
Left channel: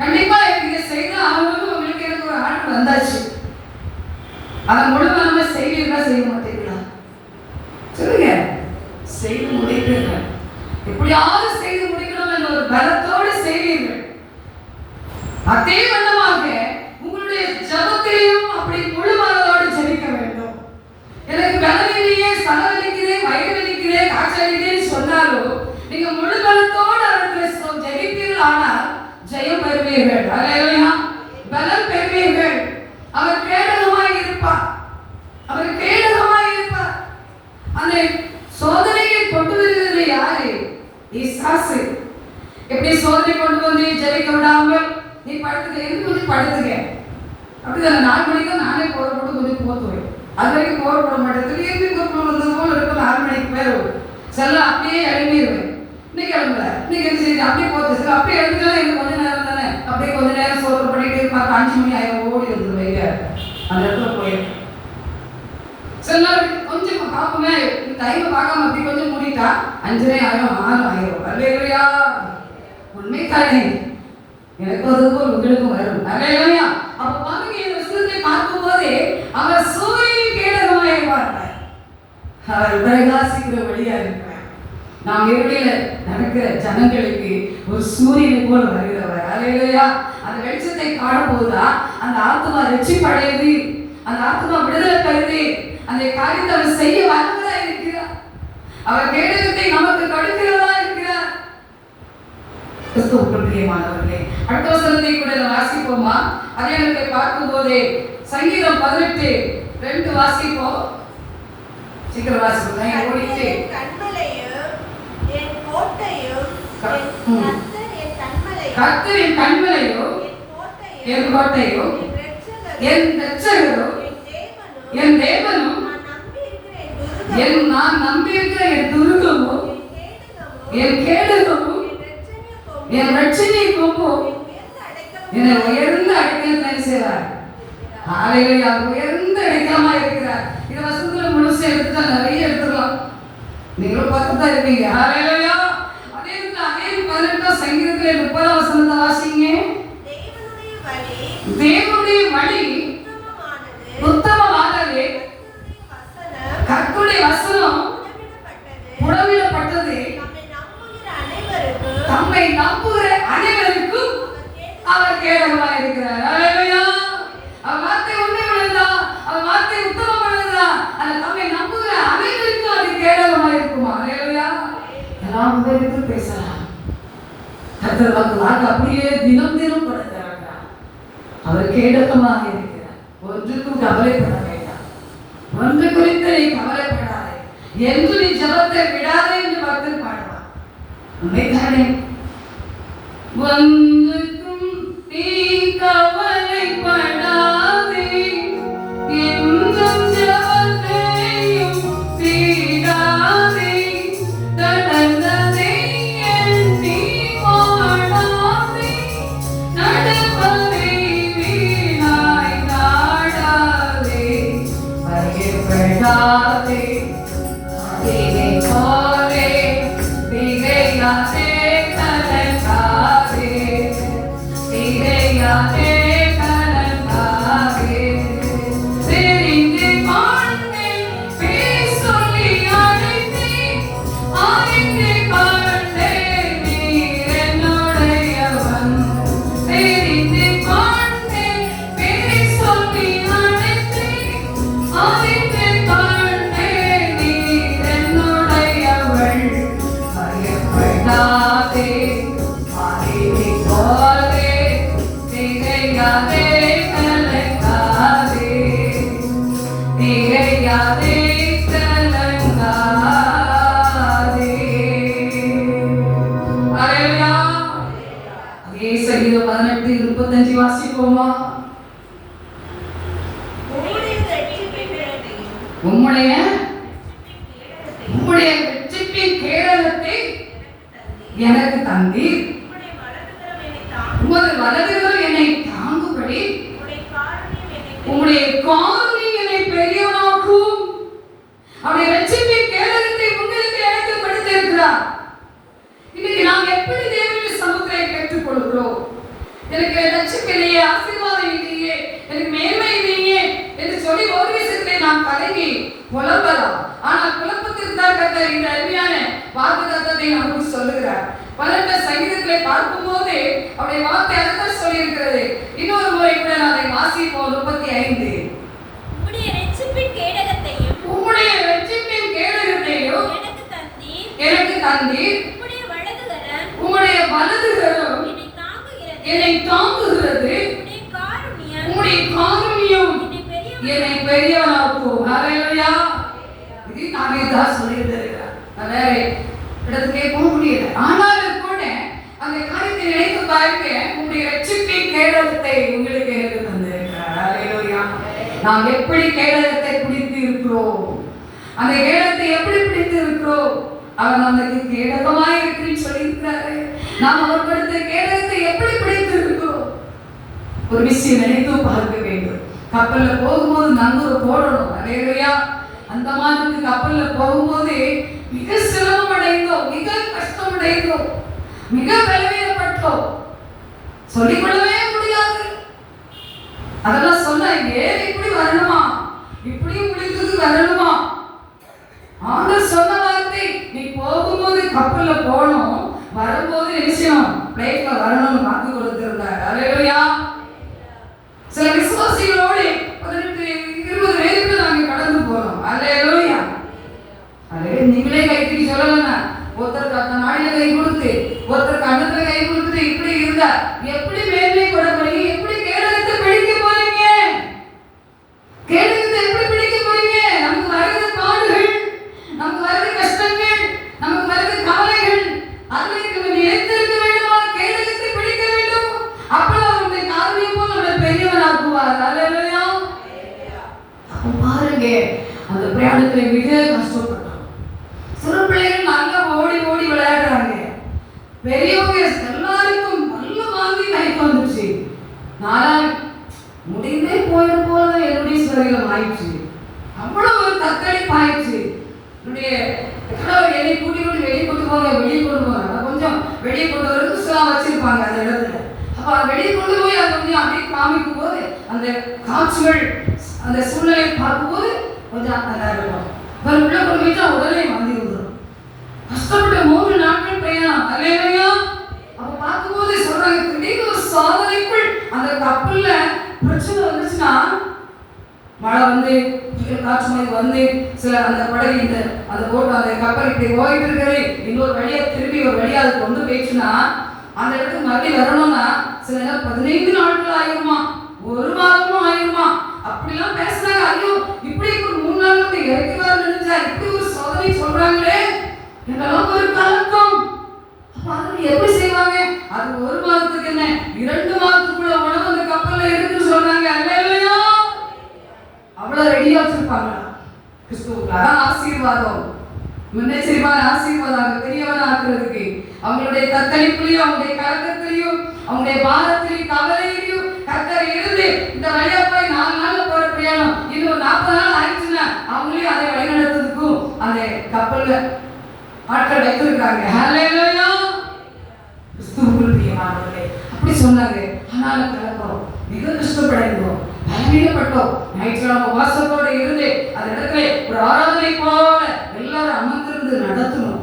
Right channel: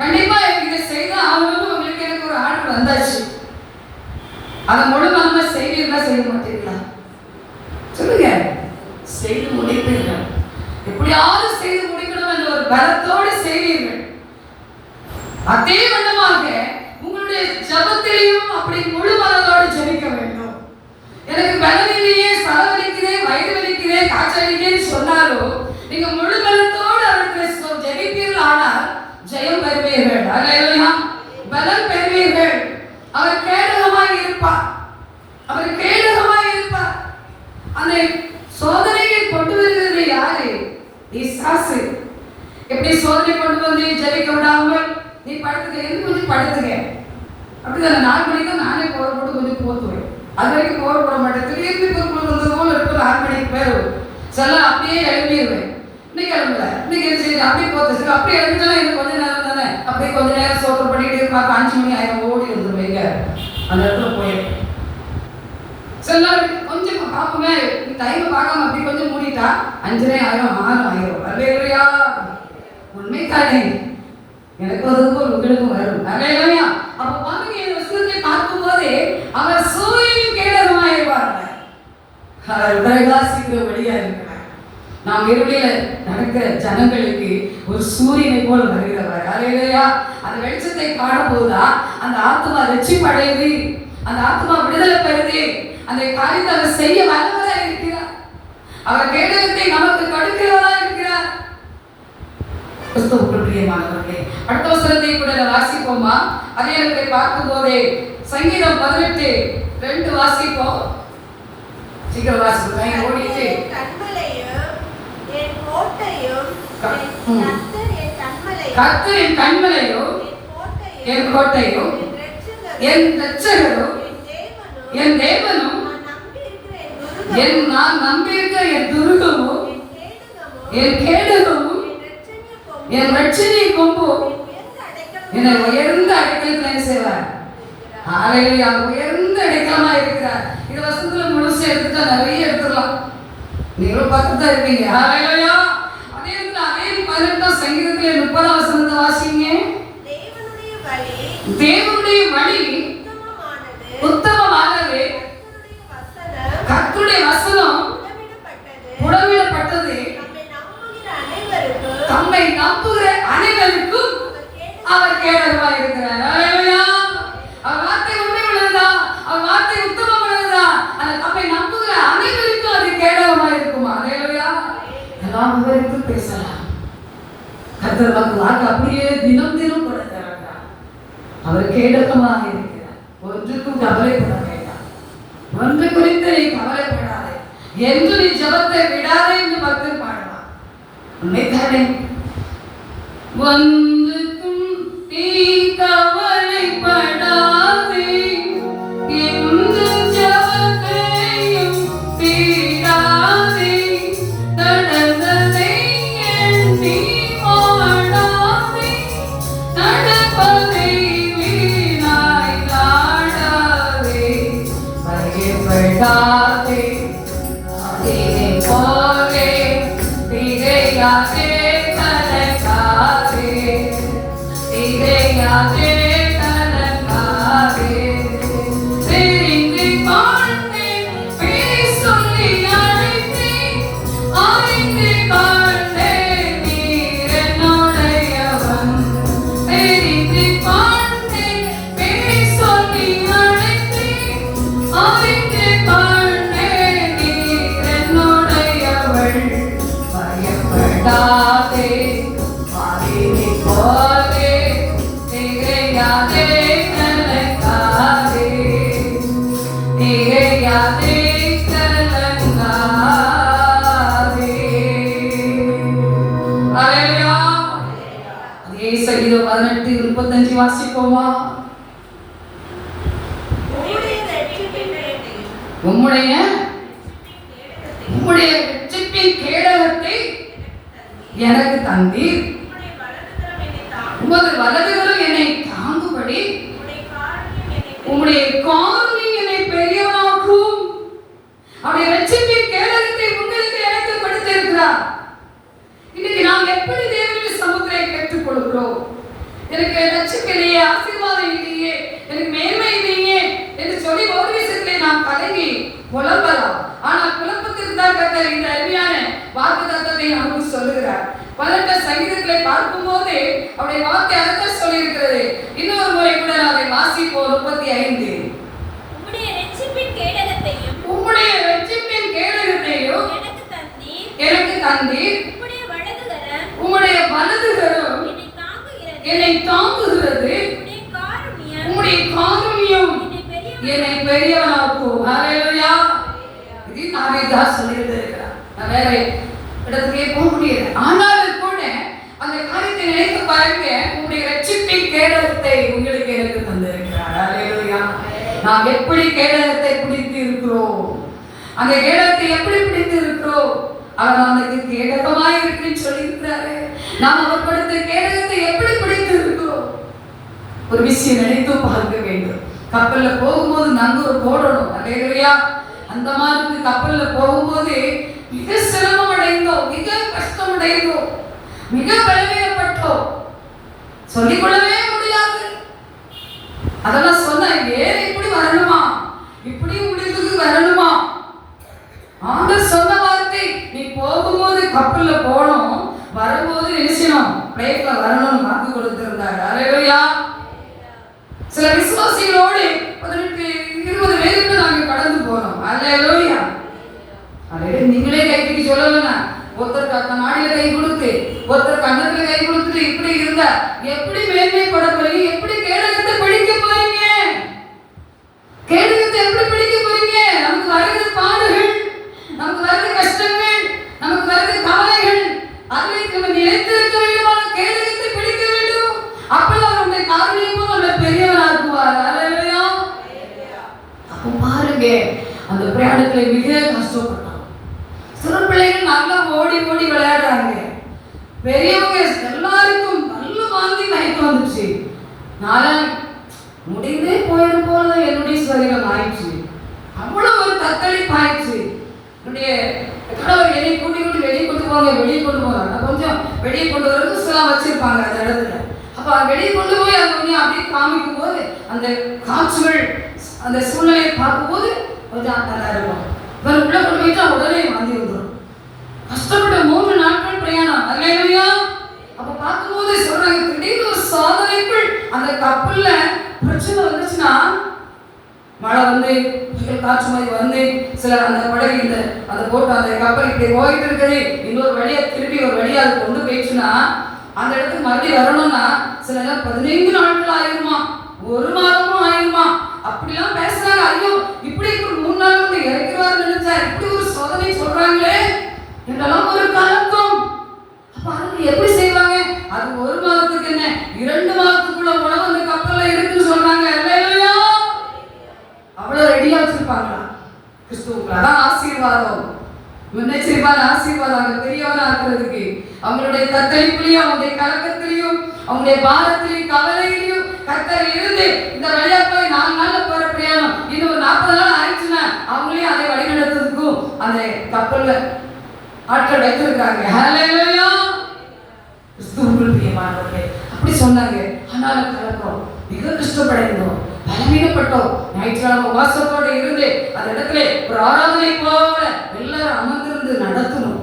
கண்டிப்பா எனக்கு இதை செய்து ஆகணும்னு உங்களுக்கு எனக்கு ஒரு ஆர்டர் வந்தாச்சு. அதை முழு மனமா செய்வீர்களா செய்ய மாட்டீங்களா? சொல்லுங்க. செய்து முடிப்பீர்கள். எப்படியாவது செய்து முடிக்கணும் என்ற ஒரு பலத்தோடு செய்வீர்கள். அதே வண்ணமாக உங்களுடைய ஜபத்திலையும் அப்படி முழு மனதோடு ஜெபிக்க வேண்டும். எனக்கு பலவீனையே, சலவலிக்குதே, வயிறு வலிக்குதே, காய்ச்சல் அடிக்குதுன்னு சொன்னாலும் நீங்க முழு பலத்தோடு அவர்கள் ஜெபிப்பீர்கள். ஆனால் ஜெயம் பெறுவீர்கள். அல்லேலூயா. பலம் பெறுவீர்கள். அவர் கேடகமாய் இருப்பார். அவர் கேடகமாய் இருப்பார். அந்த சோதனையை கொண்டு வருகிறது யாரு? பிசாசு. எப்படி சோதனை கொண்டு வந்து ஜெபிக்க விடாமல் நீ படுத்துக்க, எந்த கொஞ்சம் படுத்துக்க. அப்படிதானே? 4 மணிக்கு தான் நானே பவர் போட்டு கொஞ்சம் போத்துவேன். அது வரைக்கும் பவர் போட மாட்டேன். திடீர்னு வந்தது போல இருக்கும். 4 மணிக்கு பேர் செல்லாம் அப்படியே எழுப்பிடுவேன். இன்னைக்கு எழும்பல, இன்னைக்கு சரி அப்படியே போத்து, சரி அப்படியே எழுப்பிட்டாலும் எனக்கு கொஞ்ச நேரம் தானே, அப்படியே கொஞ்ச நேரம் சோறு பண்ணிட்டு இருப்பாங்க. 5 மணி ஆயிரம் ஓடி வந்துருவீங்க, அந்த இடத்துல போயிடும். சில நாள் கொஞ்சம் பார்ப்போமே, டைம் பார்க்காம அப்படி கொஞ்சம் மூடிட்டா 5:30 ஆயிரம் 6 ஆயிரம். அல்லேலூயா, உண்மை தானே? எனக்கு ஒரு உங்களுக்கும் வரும். அல்லேலூயா. அப்ப பாருங்க, இந்த வசனத்தை பார்க்கும் போதே அவர் சூரியனின் கேடகமாயிருவார்கள். அவர் பிரகாசிக்கிற வழியா இருக்கிறார். நாம் இருளில நடக்கிற ஜனங்களுக்கு ஒரு சூரியனை போல வருகிறவர். அல்லேலூயா. அந்த வெளிச்சத்தை காணும் போதுதான் அந்த ஆத்மா ரட்சிப்படையுது, அந்த ஆத்மா விடுதலை பெறுது. அந்த காரியத்தை அவர் செய்ய வல்லவரா இருக்கிறார். அவர் கேடகத்தை நமக்கு கொடுக்கிறவரா இருக்கிறார். கிறிஸ்துவுக்குள் பிரியமானவர்களே, அடுத்த வசனத்தை கூட வாசிப்போமா? அதை பார்க்கும் போதே சங்கீதம் 18:2 வாசிப்போம். சீக்கிரம் வாசிப்போம். ஓடிட்டு கர்த்தர் என் கன்மலையும் என் கோட்டையும் என் இரட்சகரும் என் தேவனும் நான் நம்பியிருக்கிற என் துருகமும் என் கேடகமும் என் ரட்சணை கொம்பும் என்னை உயர்ந்த அடைக்கலத்தை செய்வார். ஹல்லேலூயா. உயர்ந்த அடைக்கலமா இருக்கிறார். இது வசனத்துல முழுசா எடுத்துட்டா நிறைய எடுத்துடலாம். நீங்களும் பார்த்து தான் இருப்பீங்க. ஹல்லேலூயா. அதே 18 சங்கீதத்திலே 30 வசனத்தை வாசிங்க. தேவனுடைய வழி உத்தமமானது, கர்த்தருடைய வசனம் புடமிடப்பட்டது, தம்மை நம்புகிற அனைவருக்கும் அவர் கேடகமாய் இருக்கிறார். அல்லேலூயா. அவர் வார்த்தை உண்மை உள்ளதா, அவர் வார்த்தை உத்தமம் உள்ளதா, அந்த தம்மை நம்புகிற அனைவருக்கும் அது கேடகமாய் இருக்குமா? அல்லேலூயா. எல்லாம் விவரித்து பேசலாம். கர்த்தர் வாக்கு அப்படியே தினம் தினம் கூட தருகிறார். அவர் கேடகமாக இருக்கிறார். ஒன்றுக்கும் கவலைப்பட வேண்டாம். ஒன்று குறித்து நீ கவலைப்படாதே, என்று நீ ஜெபத்தை விடாதே என்று பக்தர் பாடுவார். உண்மைதானே? ஒன்றுக்கும் நீ கவலைப்படாதே, என்றும் ஜெபத்தையும் விடாதே, நடந்ததை எண்ணி வாடாதே, நடப்பதை வீணாய் நாடாதே, பயப்படாதே, அதிலே போலே திகையாதே, கலங்காதே, திகையாதே, கலங்காதே. தெரிந்து கொண்டேன், பேர் சொல்லி அழைத்தேன், அறிந்து கொண்டேன், நீர் என்னுடையவன். தெரிந்து கொண்டேன், பேர் சொல்லி அழைத்தேன், அறிந்து கொண்டேன், நீர் என்னுடையவள். பயப்படாதே, அதிலே போலே திகையாதே, கலங்காதே, திகையாதே, கலங்காதே. அல்லேலூயா. அதே சங்கீதம் 18:35 வாசிப்போமா? உம்முடைய ரட்சிப்பின் கேடகத்தை எனக்கு தந்தீர், உமது வலதுகரம் என்னை தாங்கும்படி உம்முடைய காருண்யம் என்னை பெரியவனாக்கும். அவருடைய ரட்சிப்பின் கேடகத்தை உங்களுக்கு எனக்கு கொடுத்திருக்கிறார். இன்னைக்கு நாம் எப்படி தேவனுடைய சமுத்திரை பெற்றுக் கொள்கிறோம்? எனக்கு ரட்சிப்பிலேயே, ஆசீர்வாதம் இல்லையே, எனக்கு மேன்மை இல்லையே என்று சொல்லி ஒரு விஷயத்திலே நாம் கலங்கி புலம்பலாம். ஆனால் புலம்பத்திற்கு தான் கர்த்தர் இந்த அருமையான வாக்குத்தத்தத்தை நமக்கு சொல்லுகிறார். 18 சங்கீதத்திலே பார்க்கும் போது அவருடைய வார்த்தை அதைத்தான் சொல்லி இருக்கிறது. இன்னொரு முறை கூட அதை வாசிப்போம். 35. உம்முடைய ரட்சிப்பின் கேடகத்தையும் எனக்கு தந்தீர், உம்முடைய வலதுகரம் என்னை தாங்குகிறது, உம்முடைய காருண்யம் என்னை பெரியவனாக்கும். ஹல்லேலூயா. இது நானே தான் சொல்லியிருக்கிறேன். நான் வேற இடத்துக்கே போக முடியல. ஆனாலும் கூட அந்த காரியத்தை நினைத்து பாருங்க. உங்களுடைய ரட்சிப்பின் நாம் எப்படி கேடகத்தை பிடித்து இருக்கிறோம், அந்த கேடகத்தை எப்படி பிடித்து இருக்கிறோம். அவர் நமக்கு கேடகமாய் இருக்குன்னு சொல்லியிருக்கிறாரு. நாம் அவர் கொடுத்த கேடகத்தை எப்படி பிடித்து இருக்கிறோம். ஒரு விஷயம் நினைத்து பார்க்க வேண்டும். கப்பல்ல போகும்போது நங்கூர போடணும். அல்லேலூயா. அந்த மாதிரி கப்பல்ல போகும்போது மிக சிரமம் அடைந்தோம், மிக கஷ்டம் அடைந்தோம், மிக பலவீனப்பட்டோம், சொல்லிக்கொள்ளவே முடியாது. அதெல்லாம் சொன்னா ஏன் இப்படி வரணுமா, இப்படி முடிவுக்கு வரணுமா? ஆண்டவர் சொன்ன வார்த்தை, நீ போகும்போது கப்பல்ல போகணும், வரும்போது நினைச்சணும் பிளேட்ல வரணும்னு வாக்கு கொடுத்திருந்தார். அல்லேலூயா. சில விசுவாசிகளோடு 18-20 பேருக்கு நாங்கள் கடந்து போனோம். அல்லேலூயா. அல்லேலூயா. நீங்களே கைக்கு சொல்லலாம். ஒருத்தருக்கு அந்த மாடியில கை கொடுத்து, ஒருத்தருக்கு அங்கத்துல கை கொடுத்துட்டு இப்படி இருந்தா எப்படி மேன்மை கொட போறீங்க? எப்படி கேடகத்தை பிடிக்க போறீங்க? கேடகத்தை எப்படி பிடிக்க போறீங்க? நமக்கு வருகிற பாடுகள், நமக்கு வருகிற கஷ்டங்கள், நமக்கு வருகிற கவலைகள், அதில் நம்ம நிலைத்து இருக்க வேண்டுமா? கேடகத்தை பிடிக்க வேண்டும். அப்பதான் நம்முடைய காரியமும் நம்மளை பெரியவராக்குவார். அல்லேலூயா. அப்போ பாருங்க, அந்த பிரயாணத்துல மிக கஷ்டப்பட்டோம். சிறு பிள்ளைகள் நல்லா ஓடி ஓடி விளையாடுறாங்க. பெரியவங்க எல்லாருக்கும் நல்ல வாந்தி மயக்கம் வந்துச்சு. நான் முடிந்தே போயிடும் போல என்னுடைய சரீரம் ஆயிடுச்சு. அவ்வளவு ஒரு தத்தளிப்பு ஆயிடுச்சு. என்னுடைய என்னை கூட்டி கூட்டி வெளியே கொண்டு போங்க, வெளியே கொண்டு போங்க. கொஞ்சம் வெளியே கொண்டு வரது சில வச்சிருப்பாங்க அந்த இடத்துல. அப்ப வெளியே கொண்டு போய் அதை கொஞ்சம் அப்படியே காமிக்கும் போது அந்த காட்சிகள், அந்த சூழ்நிலையை பார்க்கும்போது கொஞ்சம் நல்லா இருக்கும். உள்ள கொண்டு போயிட்டா உடனே வாந்தி வந்துடும். கஷ்டப்பட்ட 3 நாட்கள் பிரயாணம். அல்லேலூயா. அப்ப பார்க்கும்போது சொல்றாங்க, திடீர்னு ஒரு சோதனைக்குள் அந்த கப்பல்ல பிரச்சனை வந்துச்சுன்னா, மழை வந்து காற்று மாதிரி வந்து சில அந்த படகு இந்த அந்த போட்டு அந்த கப்பல் இப்படி போயிட்டு இருக்குது, இன்னொரு வழியா திருப்பி ஒரு வழியா அது கொண்டு போயிடுச்சுன்னா அந்த இடத்துக்கு மறுபடியும் வரணும்னா சில நேரம் 15 நாட்கள் ஆயிருமா, 1 மாதமும் ஆயிருமா. அப்படிலாம் பேசுறாங்க. ஐயோ இப்படி ஒரு 3 நாள் வந்து இறக்குவார் நினைச்சா இப்படி ஒரு சோதனை சொல்றாங்களே, என்னெல்லாம் ஒரு கலக்கம். அப்ப அது எப்படி செய்வாங்க? அது 1 மாதத்துக்கு என்ன 2 மாதத்துக்குள்ள உணவு அந்த கப்பல்ல இருக்குன்னு சொல்றாங்க. அல்லேலூயா. அவ்வளவு ரெடியா வச்சிருப்பாங்களா கிறிஸ்துவுக்கு? அதான் ஆசீர்வாதம். முன்னெச்சரிப்பான ஆசீர்வாதம் பெரியவனா இருக்கிறதுக்கு. அவங்களுடைய தத்தளிப்புலையும், அவங்களுடைய கலக்கத்திலையும், அவங்களுடைய பாரத்திலையும், கவலையிலையும் கர்த்தர் இருந்து இந்த வழியா போய் 4 நாள்ல போற பிரயாணம் இன்னும் 40 நாள் ஆயிடுச்சுன்னா அவங்களையும் அதை வழி நடத்துறதுக்கும் அந்த கப்பல்ல ஆட்கள் வைத்திருக்காங்க. ஹல்லேலூயா. கிறிஸ்துவுக்குள் பிரியமானவர்களே, அப்படி சொன்னாங்க. ஆனாலும் கலக்கம், மிக கஷ்டப்படைந்தோம், பலவீனப்பட்டோம். ஞாயிற்றுக்கிழமை வாசத்தோட இருந்து அந்த இடத்துல ஒரு ஆராதனை போல எல்லாரும் அமர்ந்திருந்து நடத்தணும்.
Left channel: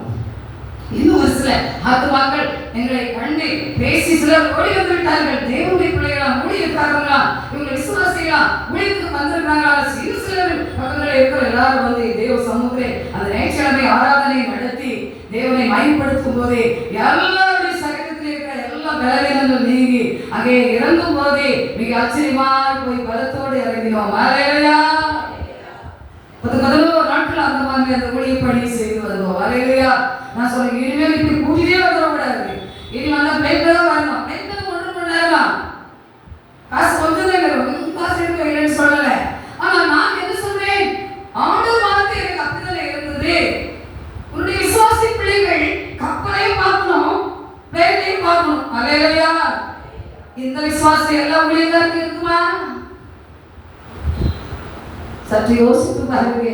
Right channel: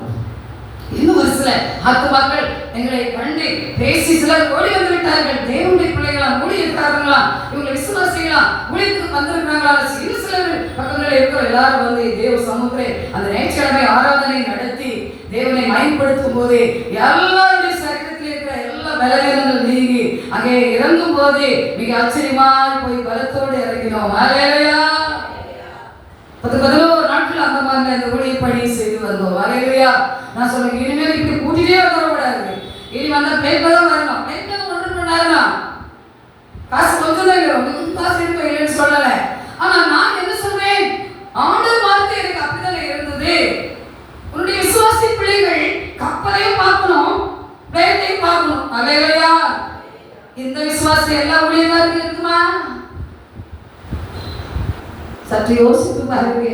இன்னும் ஒரு சில ஆத்துமாக்கள் எங்களை கண்டு பேசி சிலர் ஓடி வந்து விட்டார்கள். தேவனுடைய பிள்ளைகளா, ஊழியக்காரங்களா, இவங்க விசுவாசிகளா, ஊழியத்துக்கு வந்திருக்கிறாங்களா? சிலர் பக்கத்துல இருக்கிற எல்லாரும் வந்து தேவ சமூகத்தை அந்த ஞாயிற்றுக்கிழமை ஆராதனை நடத்தி தேவனை மயப்படுத்தும் போது எல்லாருடைய சரீரத்தில் இருக்கிற எல்லா பலவீனங்கள் நீங்கி அங்கே இறங்கும் போது மிக ஆச்சரியமாய் போய் பலத்தோடு இறங்கினோம். அல்லேலூயா. 11 நாட்கள் அந்த மாதிரி அந்த ஊழிய பணி செய்து வந்தோம். அல்லேலூயா. நான் சொல்றேன், இனிமேல் இப்படி கூட்டிட்டே வரக்கூடாது. இனி வந்தா பேப்பர் வரணும். பேப்பர் 1 மணி நேரம் தான், காசு கொஞ்சம் தான் வரும், காசு இருக்க இல்லைன்னு சொல்லல. ஆனா நான் என்ன சொல்றேன், ஆண்டவர் வார்த்தை எனக்கு அப்படிதான் இருந்தது. உன்னுடைய விசுவாசி பிள்ளைகள் கப்பலையும் பார்க்கணும், பிளேட்டையும் பார்க்கணும். அல்லேலூயா. இந்த விசுவாசி எல்லாம் ஊழியக்காரருக்கு இருக்குமா? சற்று யோசித்து பாருங்க.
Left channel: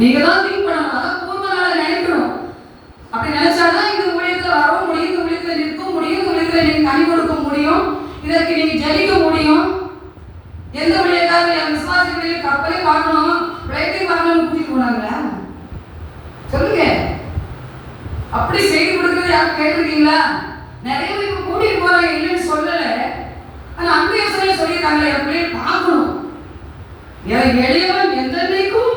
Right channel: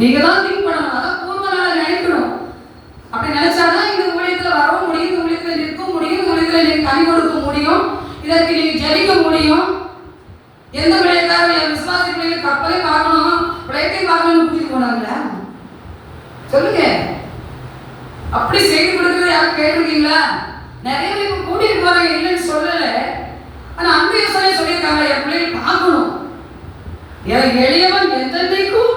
நீங்க தான் திங்க் பண்ணணும். அதான் பூர்வ நாள நினைக்கணும். அப்படி நினைச்சாதான் இந்த ஊழியத்துல வரவும் முடியும், இந்த ஊழியத்துல நிற்க முடியும், இந்த ஊழியத்துல நீங்க கனி கொடுக்க முடியும், இதற்கு நீங்க ஜெயிக்க முடியும். எந்த ஊழியக்காரர் என் விசுவாசி பிள்ளைங்க கப்பலை பார்க்கணும், பிளேட்டை பார்க்கணும் கூட்டிட்டு போனாங்களா? சொல்லுங்க. அப்படி செய்து கொடுக்கறது யாரும் கேட்டிருக்கீங்களா? நிறைய பேர் இப்ப கூட்டிட்டு போறாங்க, இல்லைன்னு சொல்லல. ஆனா அந்த யோசனை சொல்லியிருக்காங்க, என் பிள்ளைங்க பார்க்கணும். எளியவன் என்றென்றைக்கும்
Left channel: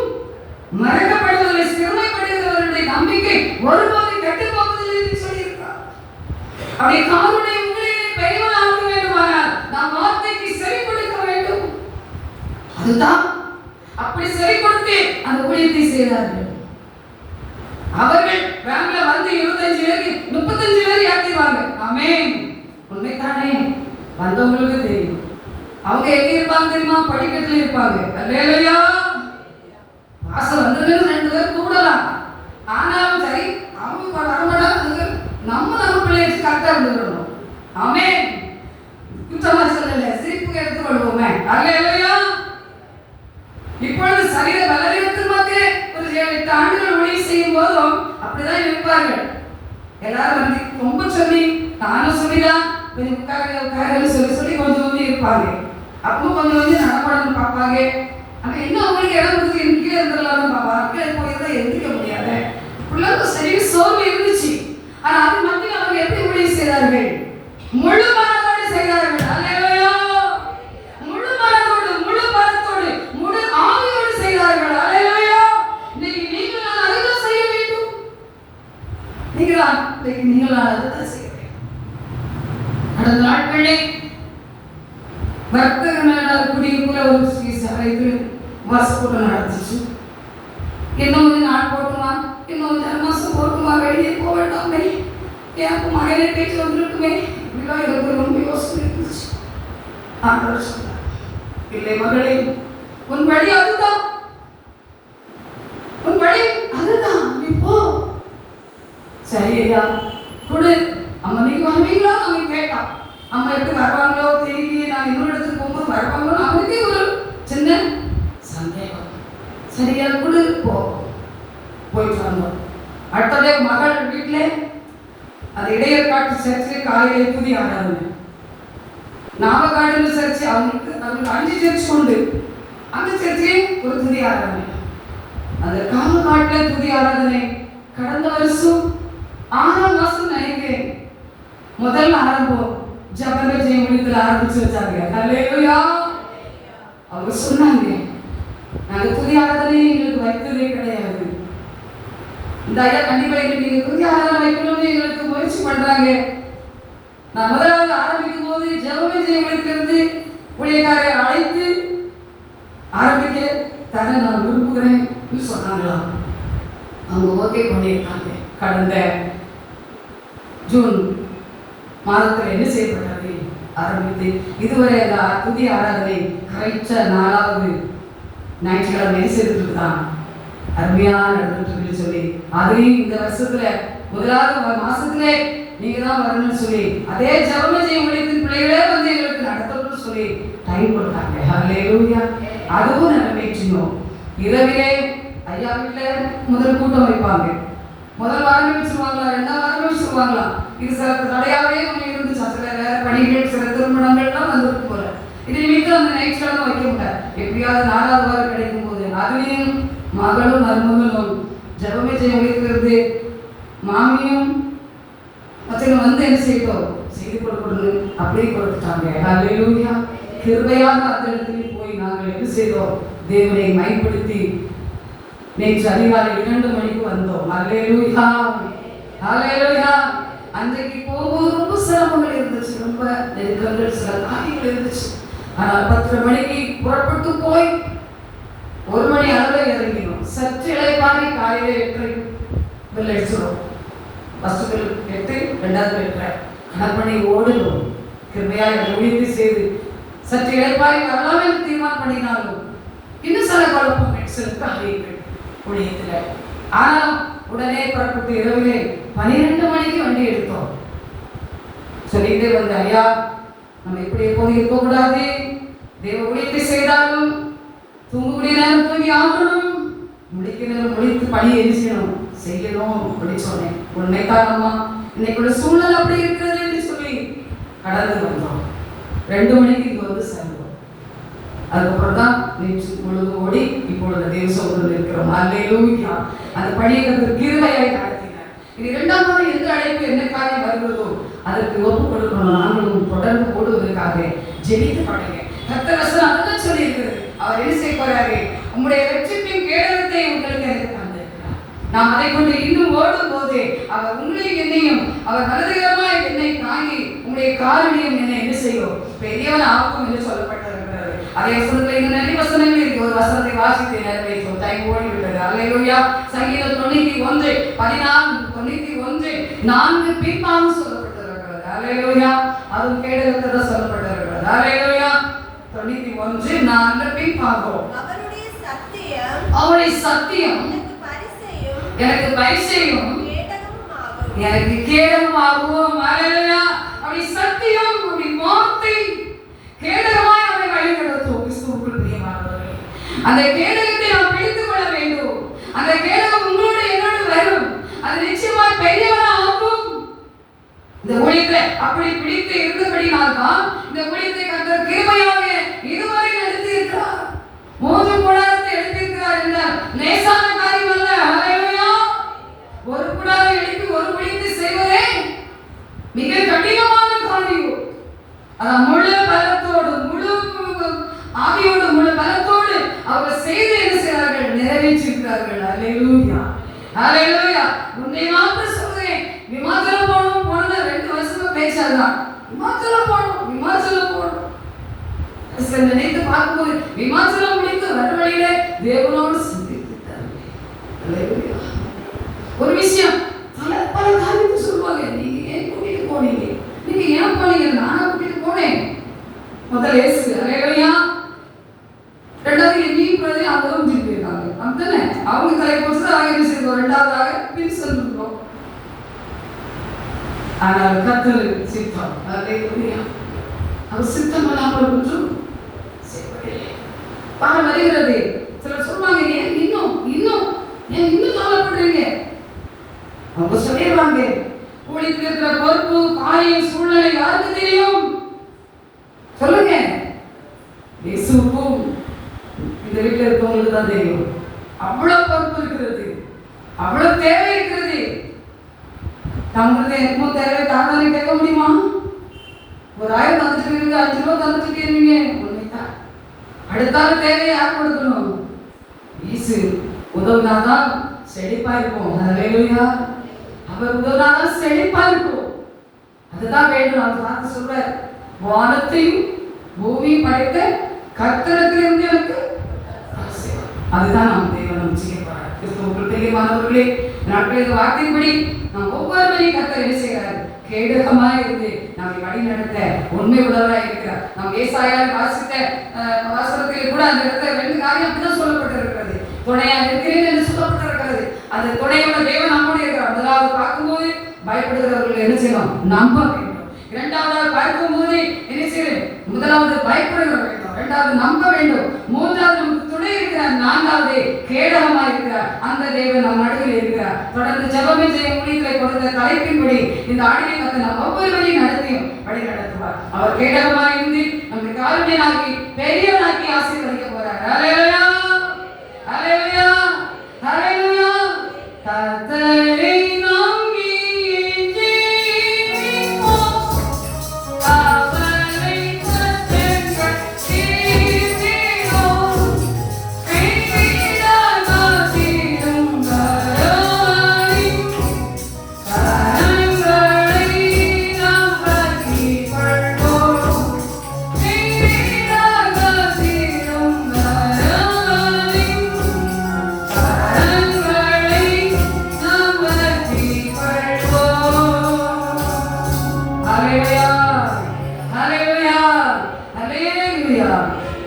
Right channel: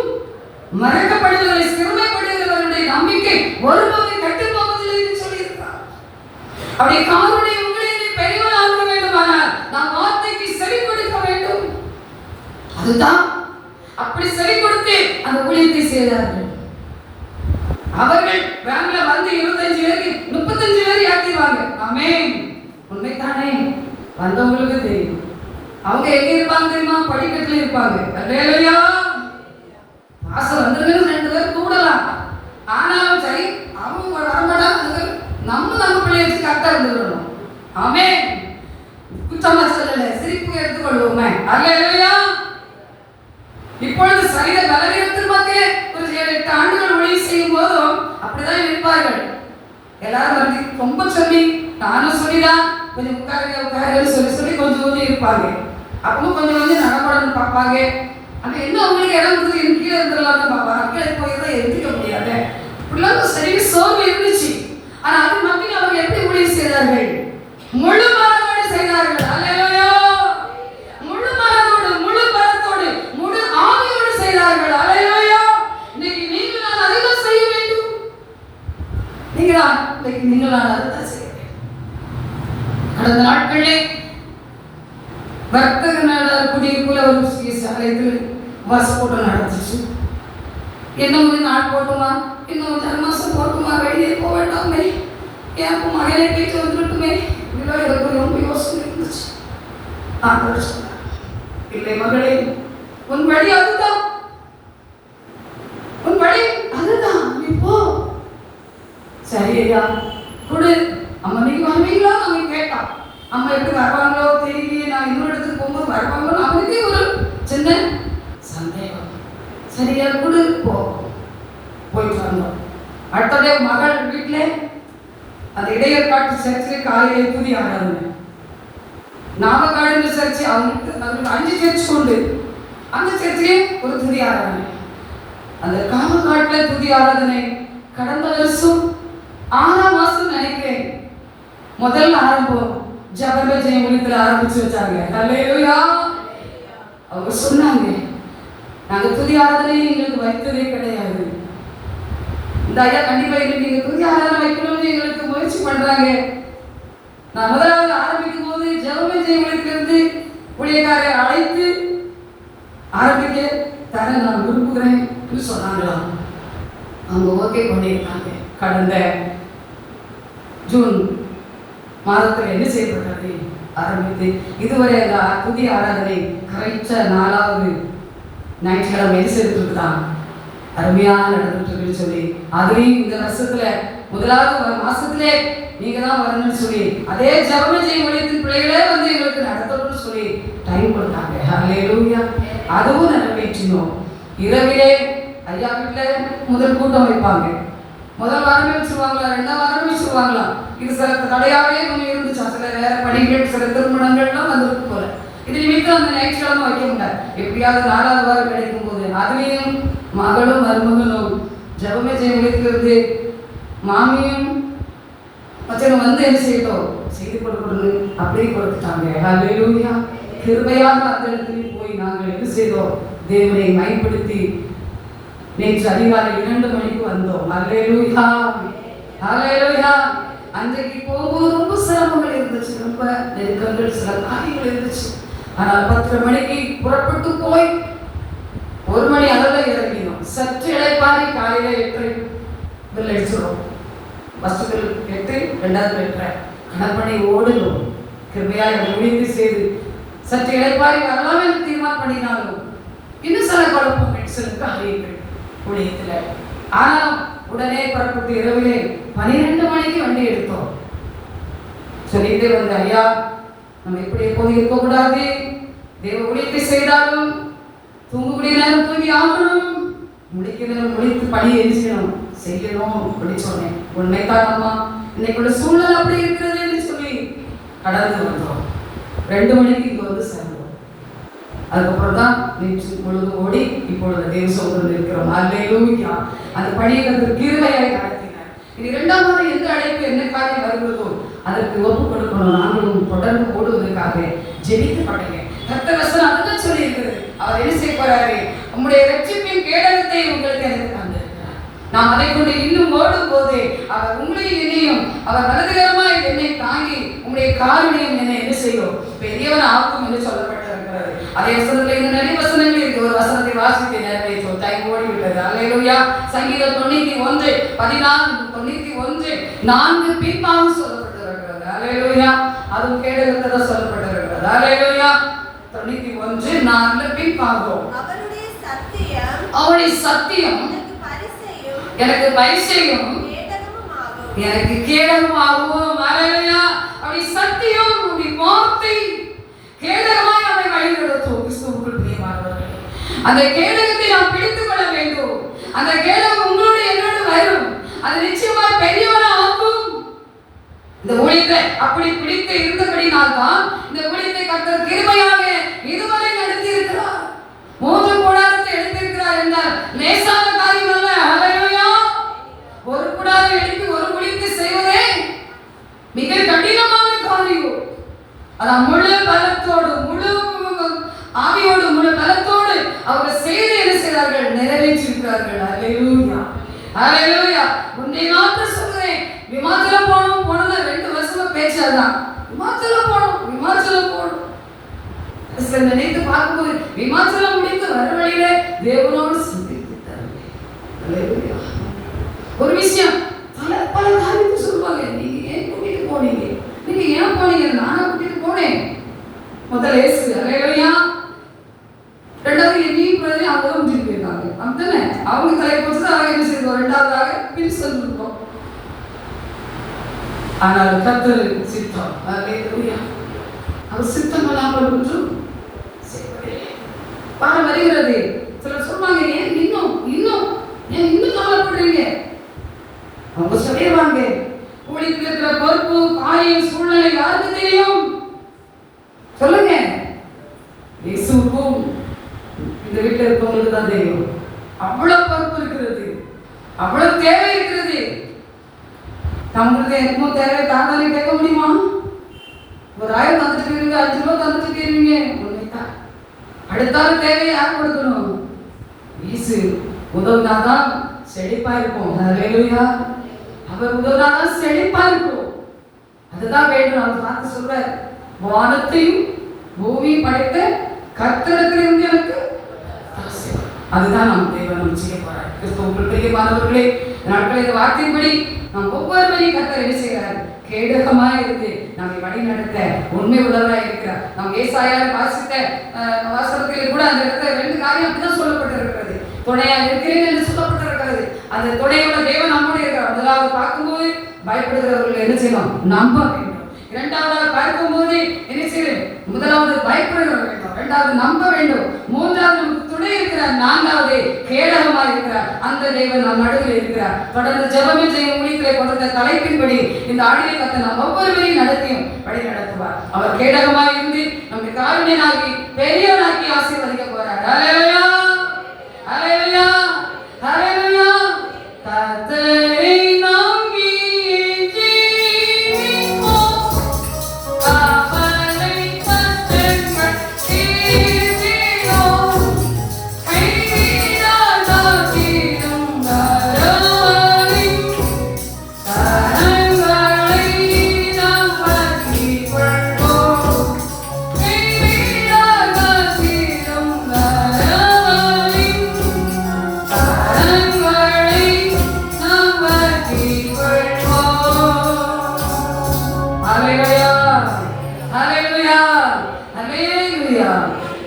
மறக்கப்படுவதில்லை, சிறுமைப்படுகிறவருடைய நம்பிக்கை ஒருபோதும் கெட்டு போவதில்லை என்று சொல்லியிருக்கிறார். அப்படி காருடைய உங்களை பெரியவனாக வேண்டுமானால் நாம் வார்த்தைக்கு செவி கொடுக்க வேண்டும். அதுதான் அப்படி செவி கொடுத்து அந்த ஊழியத்தை செய்தார்கள். அவர்கள் வேன்ல வந்து 25 பேருக்கு 35 பேர் ஏற்றிடுவாங்க. ஆமென். உண்மைதானே? வந்தவங்களுக்கு தெரியும். அவங்க எங்க இருப்பாங்க தெரியுமா? படிக்கட்டுல இருப்பாங்க. அல்லேலூயா. பாஸ்டர் வந்திருக்கிறது 2 பேர் கூடலாம். ஆனாலும் சரி அவங்க வரமாட்டாங்க. நம்ம பிள்ளைய வச்சு கரெக்டா இருந்துக்கணும். ஆமென். குற்றமா சொல்லல, சிரிப்பு எடுத்துக்கொள்வோமே. அல்லேலூயா. இப்பொழுது சரீர பலவீனத்தின் மத்தியே ஒரு 7-8 ஆண்டுகள் ஊழியம் செய்யும் போதும் அப்படிதான் இருப்பார்கள். எல்லாரும் வந்து ரொம்ப சொல்லி, நானும் சொல்லிதான் கொஞ்சம் உட்காருன்னு சொல்லி கொஞ்சம் இருப்பாங்க. அப்பவும் கொஞ்சம் நடப்படணும் பார்ப்பாங்க. ஆனா என்ன அவங்களுக்கு இடம் கொடுத்து எனக்கு கீழே இருந்துடலாம் பார்ப்பாங்க. கீழே போயிருந்தா எதிர்க்க முடியாது. பிள்ளைங்க சரி சோர்வு இருந்துச்சு. ஆனா அது மட்டும் அவங்க எப்படி ஊழியம் செய்தார்கள்? முழு மனதோடு செய்தார்கள். அல்லேலூயா. முழு மனதோடு, முழு பலத்தோடு, முழு ஆவியோடு செய்தார்கள். அல்லேலூயா. இன்னைக்கு நீங்கள் நான் அதுதான் செய்ய வேண்டும். நீங்கள் நான் அதுதான் செய்ய வேண்டும். கடந்த நாட்களே வர்த்தக நாடார் குடியிருப்புல ஒரு சபைக்கு பஸ் போட்டு நடந்துச்சு. இன்னும் கொஞ்சம் நாள் போட்டுமா, இன்னும் 5 மாசம் போட்டுமா, வெளியே போக வேண்டாமே, ஏன் மகளே போயிட்டு வந்துட்டுமே, இதெல்லாம் எனக்கு ரொம்ப யோசனை இருந்துச்சு. நான் சொன்னேன், இல்லை மகளே, உன் வழி அதுதான், உன் வழி அதுதான், நீ போ. சரி ஐயா கொடு. அம்மா நீங்க வருவீங்களா? அவன் கேட்டான். அம்மா எப்படி வருவாங்களோ தெரியலையே, நான் இன்னொரு இடத்துக்கு போகும்போது வருவாங்களோ அவனுக்கே ஒரு சின்ன சந்தேகம். சரியா கொடு, போ. போயிட்டு வந்தோம். அடுத்ததே மகள் வீட்டில் அந்த இடையற்காட்டு சர்ச்சில் காலையில் துதி ஆராதனை. நாமக்காடு சர்ச்சு அவங்களுக்கு 5 சர்ச் உண்டு. அந்த சர்ச்சிலே ஒரு துதி ஆராதனை. அந்த காமக்காட்டில் துதி ஆராதனை கடந்த வருஷம் 6ஆம் மாசம் நினைக்கிறேன் முதல்ல ஆரம்பம் ஜபமே ஜெயம் முடித்து ஆரம்பிச்சு வச்சாங்க. அல்லேலூயா. அவங்க சொன்னாங்க, நாங்க துதி ஆராதனை எங்களுக்கு வைத்ததே கிடையாது. இந்த ஐயா கண்டிப்பா நீங்க துதி ஆராதனை வைக்கணும்னு எங்களுக்கு முயற்சி பண்றாங்க. நான் முதலாவது ஆரம்பிக்கும் போது ஜபமே ஜெயம் முடிக்கிறது ஊழியக்காரரை அழைத்து ஆரம்பிக்க தர நான் விரும்புகிறேன் சொன்னாங்களாம். அவங்க ஓகே பண்ணியிருக்காங்க. கடந்த ஜூன் மாதத்தில் என்ன செய்யப்பட்டது ஆரம்பித்து இதுவரை அந்த புதிய ஆராதனை கரைச்ச 4வது ஞாயிற்றுக்கிழமை செய்திருக்குதான் அருமையாக நடந்துட்டு சொல்லி, அதுலேயும் இந்த வருஷத்துல 1வது மாசத்திலே நீங்க தான் வரணும்னு சொல்லி அதே ஜபமே ஜெயம் முடித்து பிள்ளைகளே வந்து எங்களுக்கு நடத்தணும்னு சொல்லி டைம் கொடுத்தாங்க. அல்லேலூயா. அதுவும் நிறைவேற்றினோம். இரவிலே ஐயா வீட்டில் முதல் கூட்டம் வைப்பாங்க. முதல் வாரமே வச்சுருவாங்களா, 2ஆம் வாரமே வச்சுருவாங்களா. இது சில தடையாவே ஒன்று இருந்துச்சா, சில வேற பணிகள், சில திருமணங்கள்லாம் வந்துருக்கு போல. இது நிமித்தம் அந்த ஞாயிற்றுக்கிழமை வைக்க முடியாது. எப்படியாவது 4வது வாரம் கிடைக்கும் போது அதுலேயும் மகளும் மருமகளும் ஜபமே ஜெயம் வைக்கிறது மாமியும் மச்சனும் வந்து என்ன செய்யட்டும் செய்து கொடுக்கணும் அப்படியே கொடுத்துட்டாங்க. அல்லேலூயா. கிருபையாக அந்த இடத்துல போய் நாங்கள் என்ன செய்தோம், தேவனை மைப்படுத்தி நேற்று அதிகாலை 2 மணிக்கு வந்தோம். அல்லேலூயா. அல்லேலூயா. அன்றைக்கு போகும்போது ரொம்ப சிரமங்கள் இருந்துச்சு, ரொம்ப நெருக்கங்கள், சில காரியங்கள் இருந்துச்சு. ஆனால் 10 மணிக்கு புறப்பட்டு போய் 1 மணி அளவில் இறங்கினோம். சற்று இளைப்பாரி காலையில் 8 அடிச்சிடும். ஃபஸ்ட்டு 8, 2வது 8 கடற்பணி ஓடணும். கிருமையாக முடிவு செய்து சற்று இளைப்பாரி வரலாம் என்று தீர்மானம் பண்ணினாலும் இன்னும் சில குழப்பங்கள், சில காரியங்கள் ஊழியத்தில். ஆனால் உடனே புறப்பட்டு இரவிலே 12 மணிக்கு வண்டி எடுத்தோம். சொல்லிக்கிட்டே வந்து, ஐயா நம்ம எப்படி போய் இருக்கக்கூடாது, தேவ ஊழியத்தை செய்தாலும் தூங்கக்கூடிய நேரம் தூங்கி ஆகணும், முடிக்கிற நேரம் முடித்து பணி எரிச்சணும் செய்யணும் அப்படின்னு சொன்னேன். உண்மைதான் அம்மா, இன்னைக்கு சூழ்நிலை அப்படி இருக்கிறது சொல்லி கடந்து வந்தோம். 2 மணிக்கு இங்க வந்து சேர்ந்தோம். அதுக்கப்புறம் தான் நேற்று பொழுது ஓடி இப்பொழுது தேவ சோதனை இருக்கிறோம். அல்லேலூயா. அந்த பணியை கிருபையாய் நடத்தினார். இது 2வது எந்த அழைப்பு என்னைக்காக வருகிறதோ அதற்கு ஒப்பு கொடுக்கணும். நாங்களும் தொடர்ந்து ஓடுவதற்காக ஜெபித்து படுங்க. கர்த்தர் வசனம் அதுதான் சொல்லி இருக்கிறது. அவர் என்ன செய்ய போறாரு, உங்களுடைய ரட்சிப்பின் கேடகத்தை உங்களுக்கு எனக்கு தந்திருக்கிறார். நாம் அதை கொண்டு இன்னும் ஓடும் போது அவர் உங்களையும் என்னையும் அவர் வலதுகரமாய் என்னை தாங்கி உங்களுடைய காரணியம் என்ன என்ன செய்யும், பெரியவன் ஆக்கும் என்று சொல்லப்பட்டிருக்கிறது. அதே வசனத்துல இந்த நிறைய வசனங்கள் இருக்கு. ஒரு வசனத்தை வாசித்து நிறைவேற்றும் டைம் ஓடி விட்டது. அல்லேலூயா. சங்கீதம் 91 14 91 4 பின்பாகம் சொல்லப்பட்டிருக்கிறது. அல்லேலூயா. அதுவும் கேடகத்தை தான் சொல்லப்பட்டிருக்கிறது. அல்லேலூயா. 91 பின் பார்ப்போம். அவருடைய சத்தியம் எனக்கு பரிசையும் எனக்கு கேடகமாகும். ஹல்லேலூயா. அவருடைய சத்தியம், அவருடைய வார்த்தை கேடகமாய் நம்மை வழிநடத்தும். கிறிஸ்துவுக்குள் பிரியமானவர்களே, அந்த கேடகத்தை நாம் பிடித்துக் கொள்ள வேண்டும். அந்த கேடகம் உங்களோட என்னோட வரும். அது நிச்சயமாய் பெரியவனா ஆகும். இந்த ஊழியத்தை அப்படி பிடித்து இருந்தபடினால் தான் இந்த ஊழியத்தை கர்த்தர் கிருபையாக இதுவரை நடத்தி இருக்கிறார். 3 கூடாரத்தை எடுத்திருக்கிறார் என்றால் லேசான காரியம் அல்ல. ஹல்லேலூயா. ஒரு கூடாரம் எடுத்து ஒரு ஊழியத்தை செய்வதே மிக கடினமான காரியம். அதான் முழு பலத்தோடு முழு ஆவியோடு முழு பலத்தோடு அவர்கள் செய்து என்ன செய்கிறார்கள், நிறைவேற்றிருக்கிறார்கள். ஹல்லேலூயா. ஹல்லேலூயா. உன்னை மாத்திரம் சொல்றேன், விமானத்துல போனோம் 2 வருஷமா பேச்சாதான் விமானத்துல போனோம் நினைத்து பார்க்கும்போது விமானத்துல முடிந்து வர வழியிலே தேவனோடு சந்தித்தார்கள். ஹல்லேலூயா. ஒரு விஷயம் பல காரியத்தை சொல்லுவாங்க. நீங்க ஏன் கூட்டிட்டு போனீங்க, நீங்க ஏன் போனீங்க, நானும் கூட்டிட்டு போனேன். முதல்ல இயேசு. ஹல்லேலூயா. ரெண்டாவது எங்கேயும் பிரதி அவங்க முடிஞ்சு போயிருக்காங்க. அப்படித்தானே அவங்க தலையை பொறுத்து என்ன செய்வோம், ரெண்டாவதாக பின் சொல்லுவோம். ஆனால் கர்த்தர் சித்தம். ஹல்லேலூயா. அவர் சித்தம் இல்லாமல் ஒன்றும் பாரு வருகிறது. சிலர் சொன்னாங்க, ஏன் இன்னும் கவலைப்படுறீங்க. அவங்க சொல்லிடுவாங்க, ஊழியத்தில் இருக்கிற பொறுப்பு காரியம் சூழ்நிலை யாருக்கு தெரியும் சொல்லுங்க. இயேசுவுக்கும் இந்த வீட்டில் இருக்கவங்களுக்கு தான் தெரியும். அவ்வளவு பொறுப்பு இருக்கிறது, அவ்வளவு தேவை இருக்கிறது. தங்களுக்கு எனக்கும் தேவை தானே கேட்க முடியுமா? ஒரு 1000 தந்துட்டு இருக்கீங்க, 5 ரூபாய் தந்துட்டு இருக்கீங்க, உன்னைத்தான் அடுத்தாலும் தேவை யார் கொடுக்கணும்? இயேசு உதவினாதான் செழிப்பா இருக்கும். ஹல்லேலூயா. அவர் உதவினாதான் செழிப்பா இருக்கும். அதுதான் வேண்டும். அவர் பார்த்து சொல்றார், வானத்தையும் பூமியும் படைத்த கர்த்தரிடத்திலிருந்து எனக்கு அதுதான் நாம் தேவன் செய்ய போறார். கிறிஸ்துவுக்குள் பிரியமானவர்களே, நாட்கள் இந்த வார்த்தையின்படி நாம் ஒவ்வொருவரையும் கர்த்தர் என்ன செய்கிறார், கேடகமாக இருந்து நம்மை வழி நடத்த உண்மை உள்ளவராக இருக்கிறார். நாம் ஏசாயாவில் வாசித்த வாசகத்தில் கூட அந்த இடத்துல 2 காரியம் அப்படிதான் சொல்லப்பட்டிருக்கிறது. துணையாக இருக்கிறேன் என்று சொல்லப்பட்டிருக்கிறது. அந்த துணையோட தேவன் நம்மோடு இருக்கிறார். முதலாவது பார்க்கும்போது பயப்படுகிறவர்கள் என்ன செய்யணும், நம்ப வேண்டும். இரண்டாவது பார்க்கும்போது என்ன செய்யணும், முதலாவது பயப்படுகிறவர்கள் வேண்டும், இரண்டாவது நம்ப வேண்டும், மூன்றாவது நமக்கு துணை இருக்கிறார், நான்காவது கேடகமா இருக்கிறார். அந்த தேவன் நம் நடுவில் இருக்கிறார். தொடர்ந்து ஜெபமே செய்ய முடியலை கொடுத்த தலைப்பின்படி இந்த ஆடினை கத்த நாம் ஒவ்வொருவரையும் நடத்தியும் வழி நடத்துவார். அவர் கேடகமா இருந்து நம்மை காருண்யனாகி பெரியவனாக்கி ஆசீர்வதிக்க போறார். ஹல்லேலூயா. ஹல்லேலூயா. ஹல்லேலூயா. கர்த்தரை நம்பி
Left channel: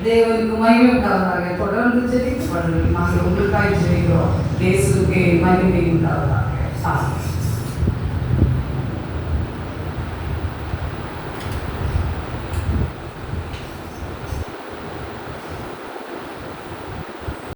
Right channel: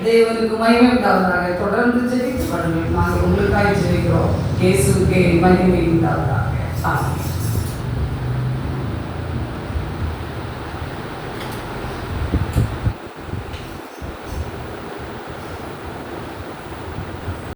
தேவனுக்கு மகிமை உண்டாவதாக. தொடர்ந்து ஜெபிக்கப்படுங்கள். நாங்கள் உங்களுக்காக ஜெபிக்கிறோம். இயேசுவுக்கே மகிமை உண்டாவதாக. ஆமென்.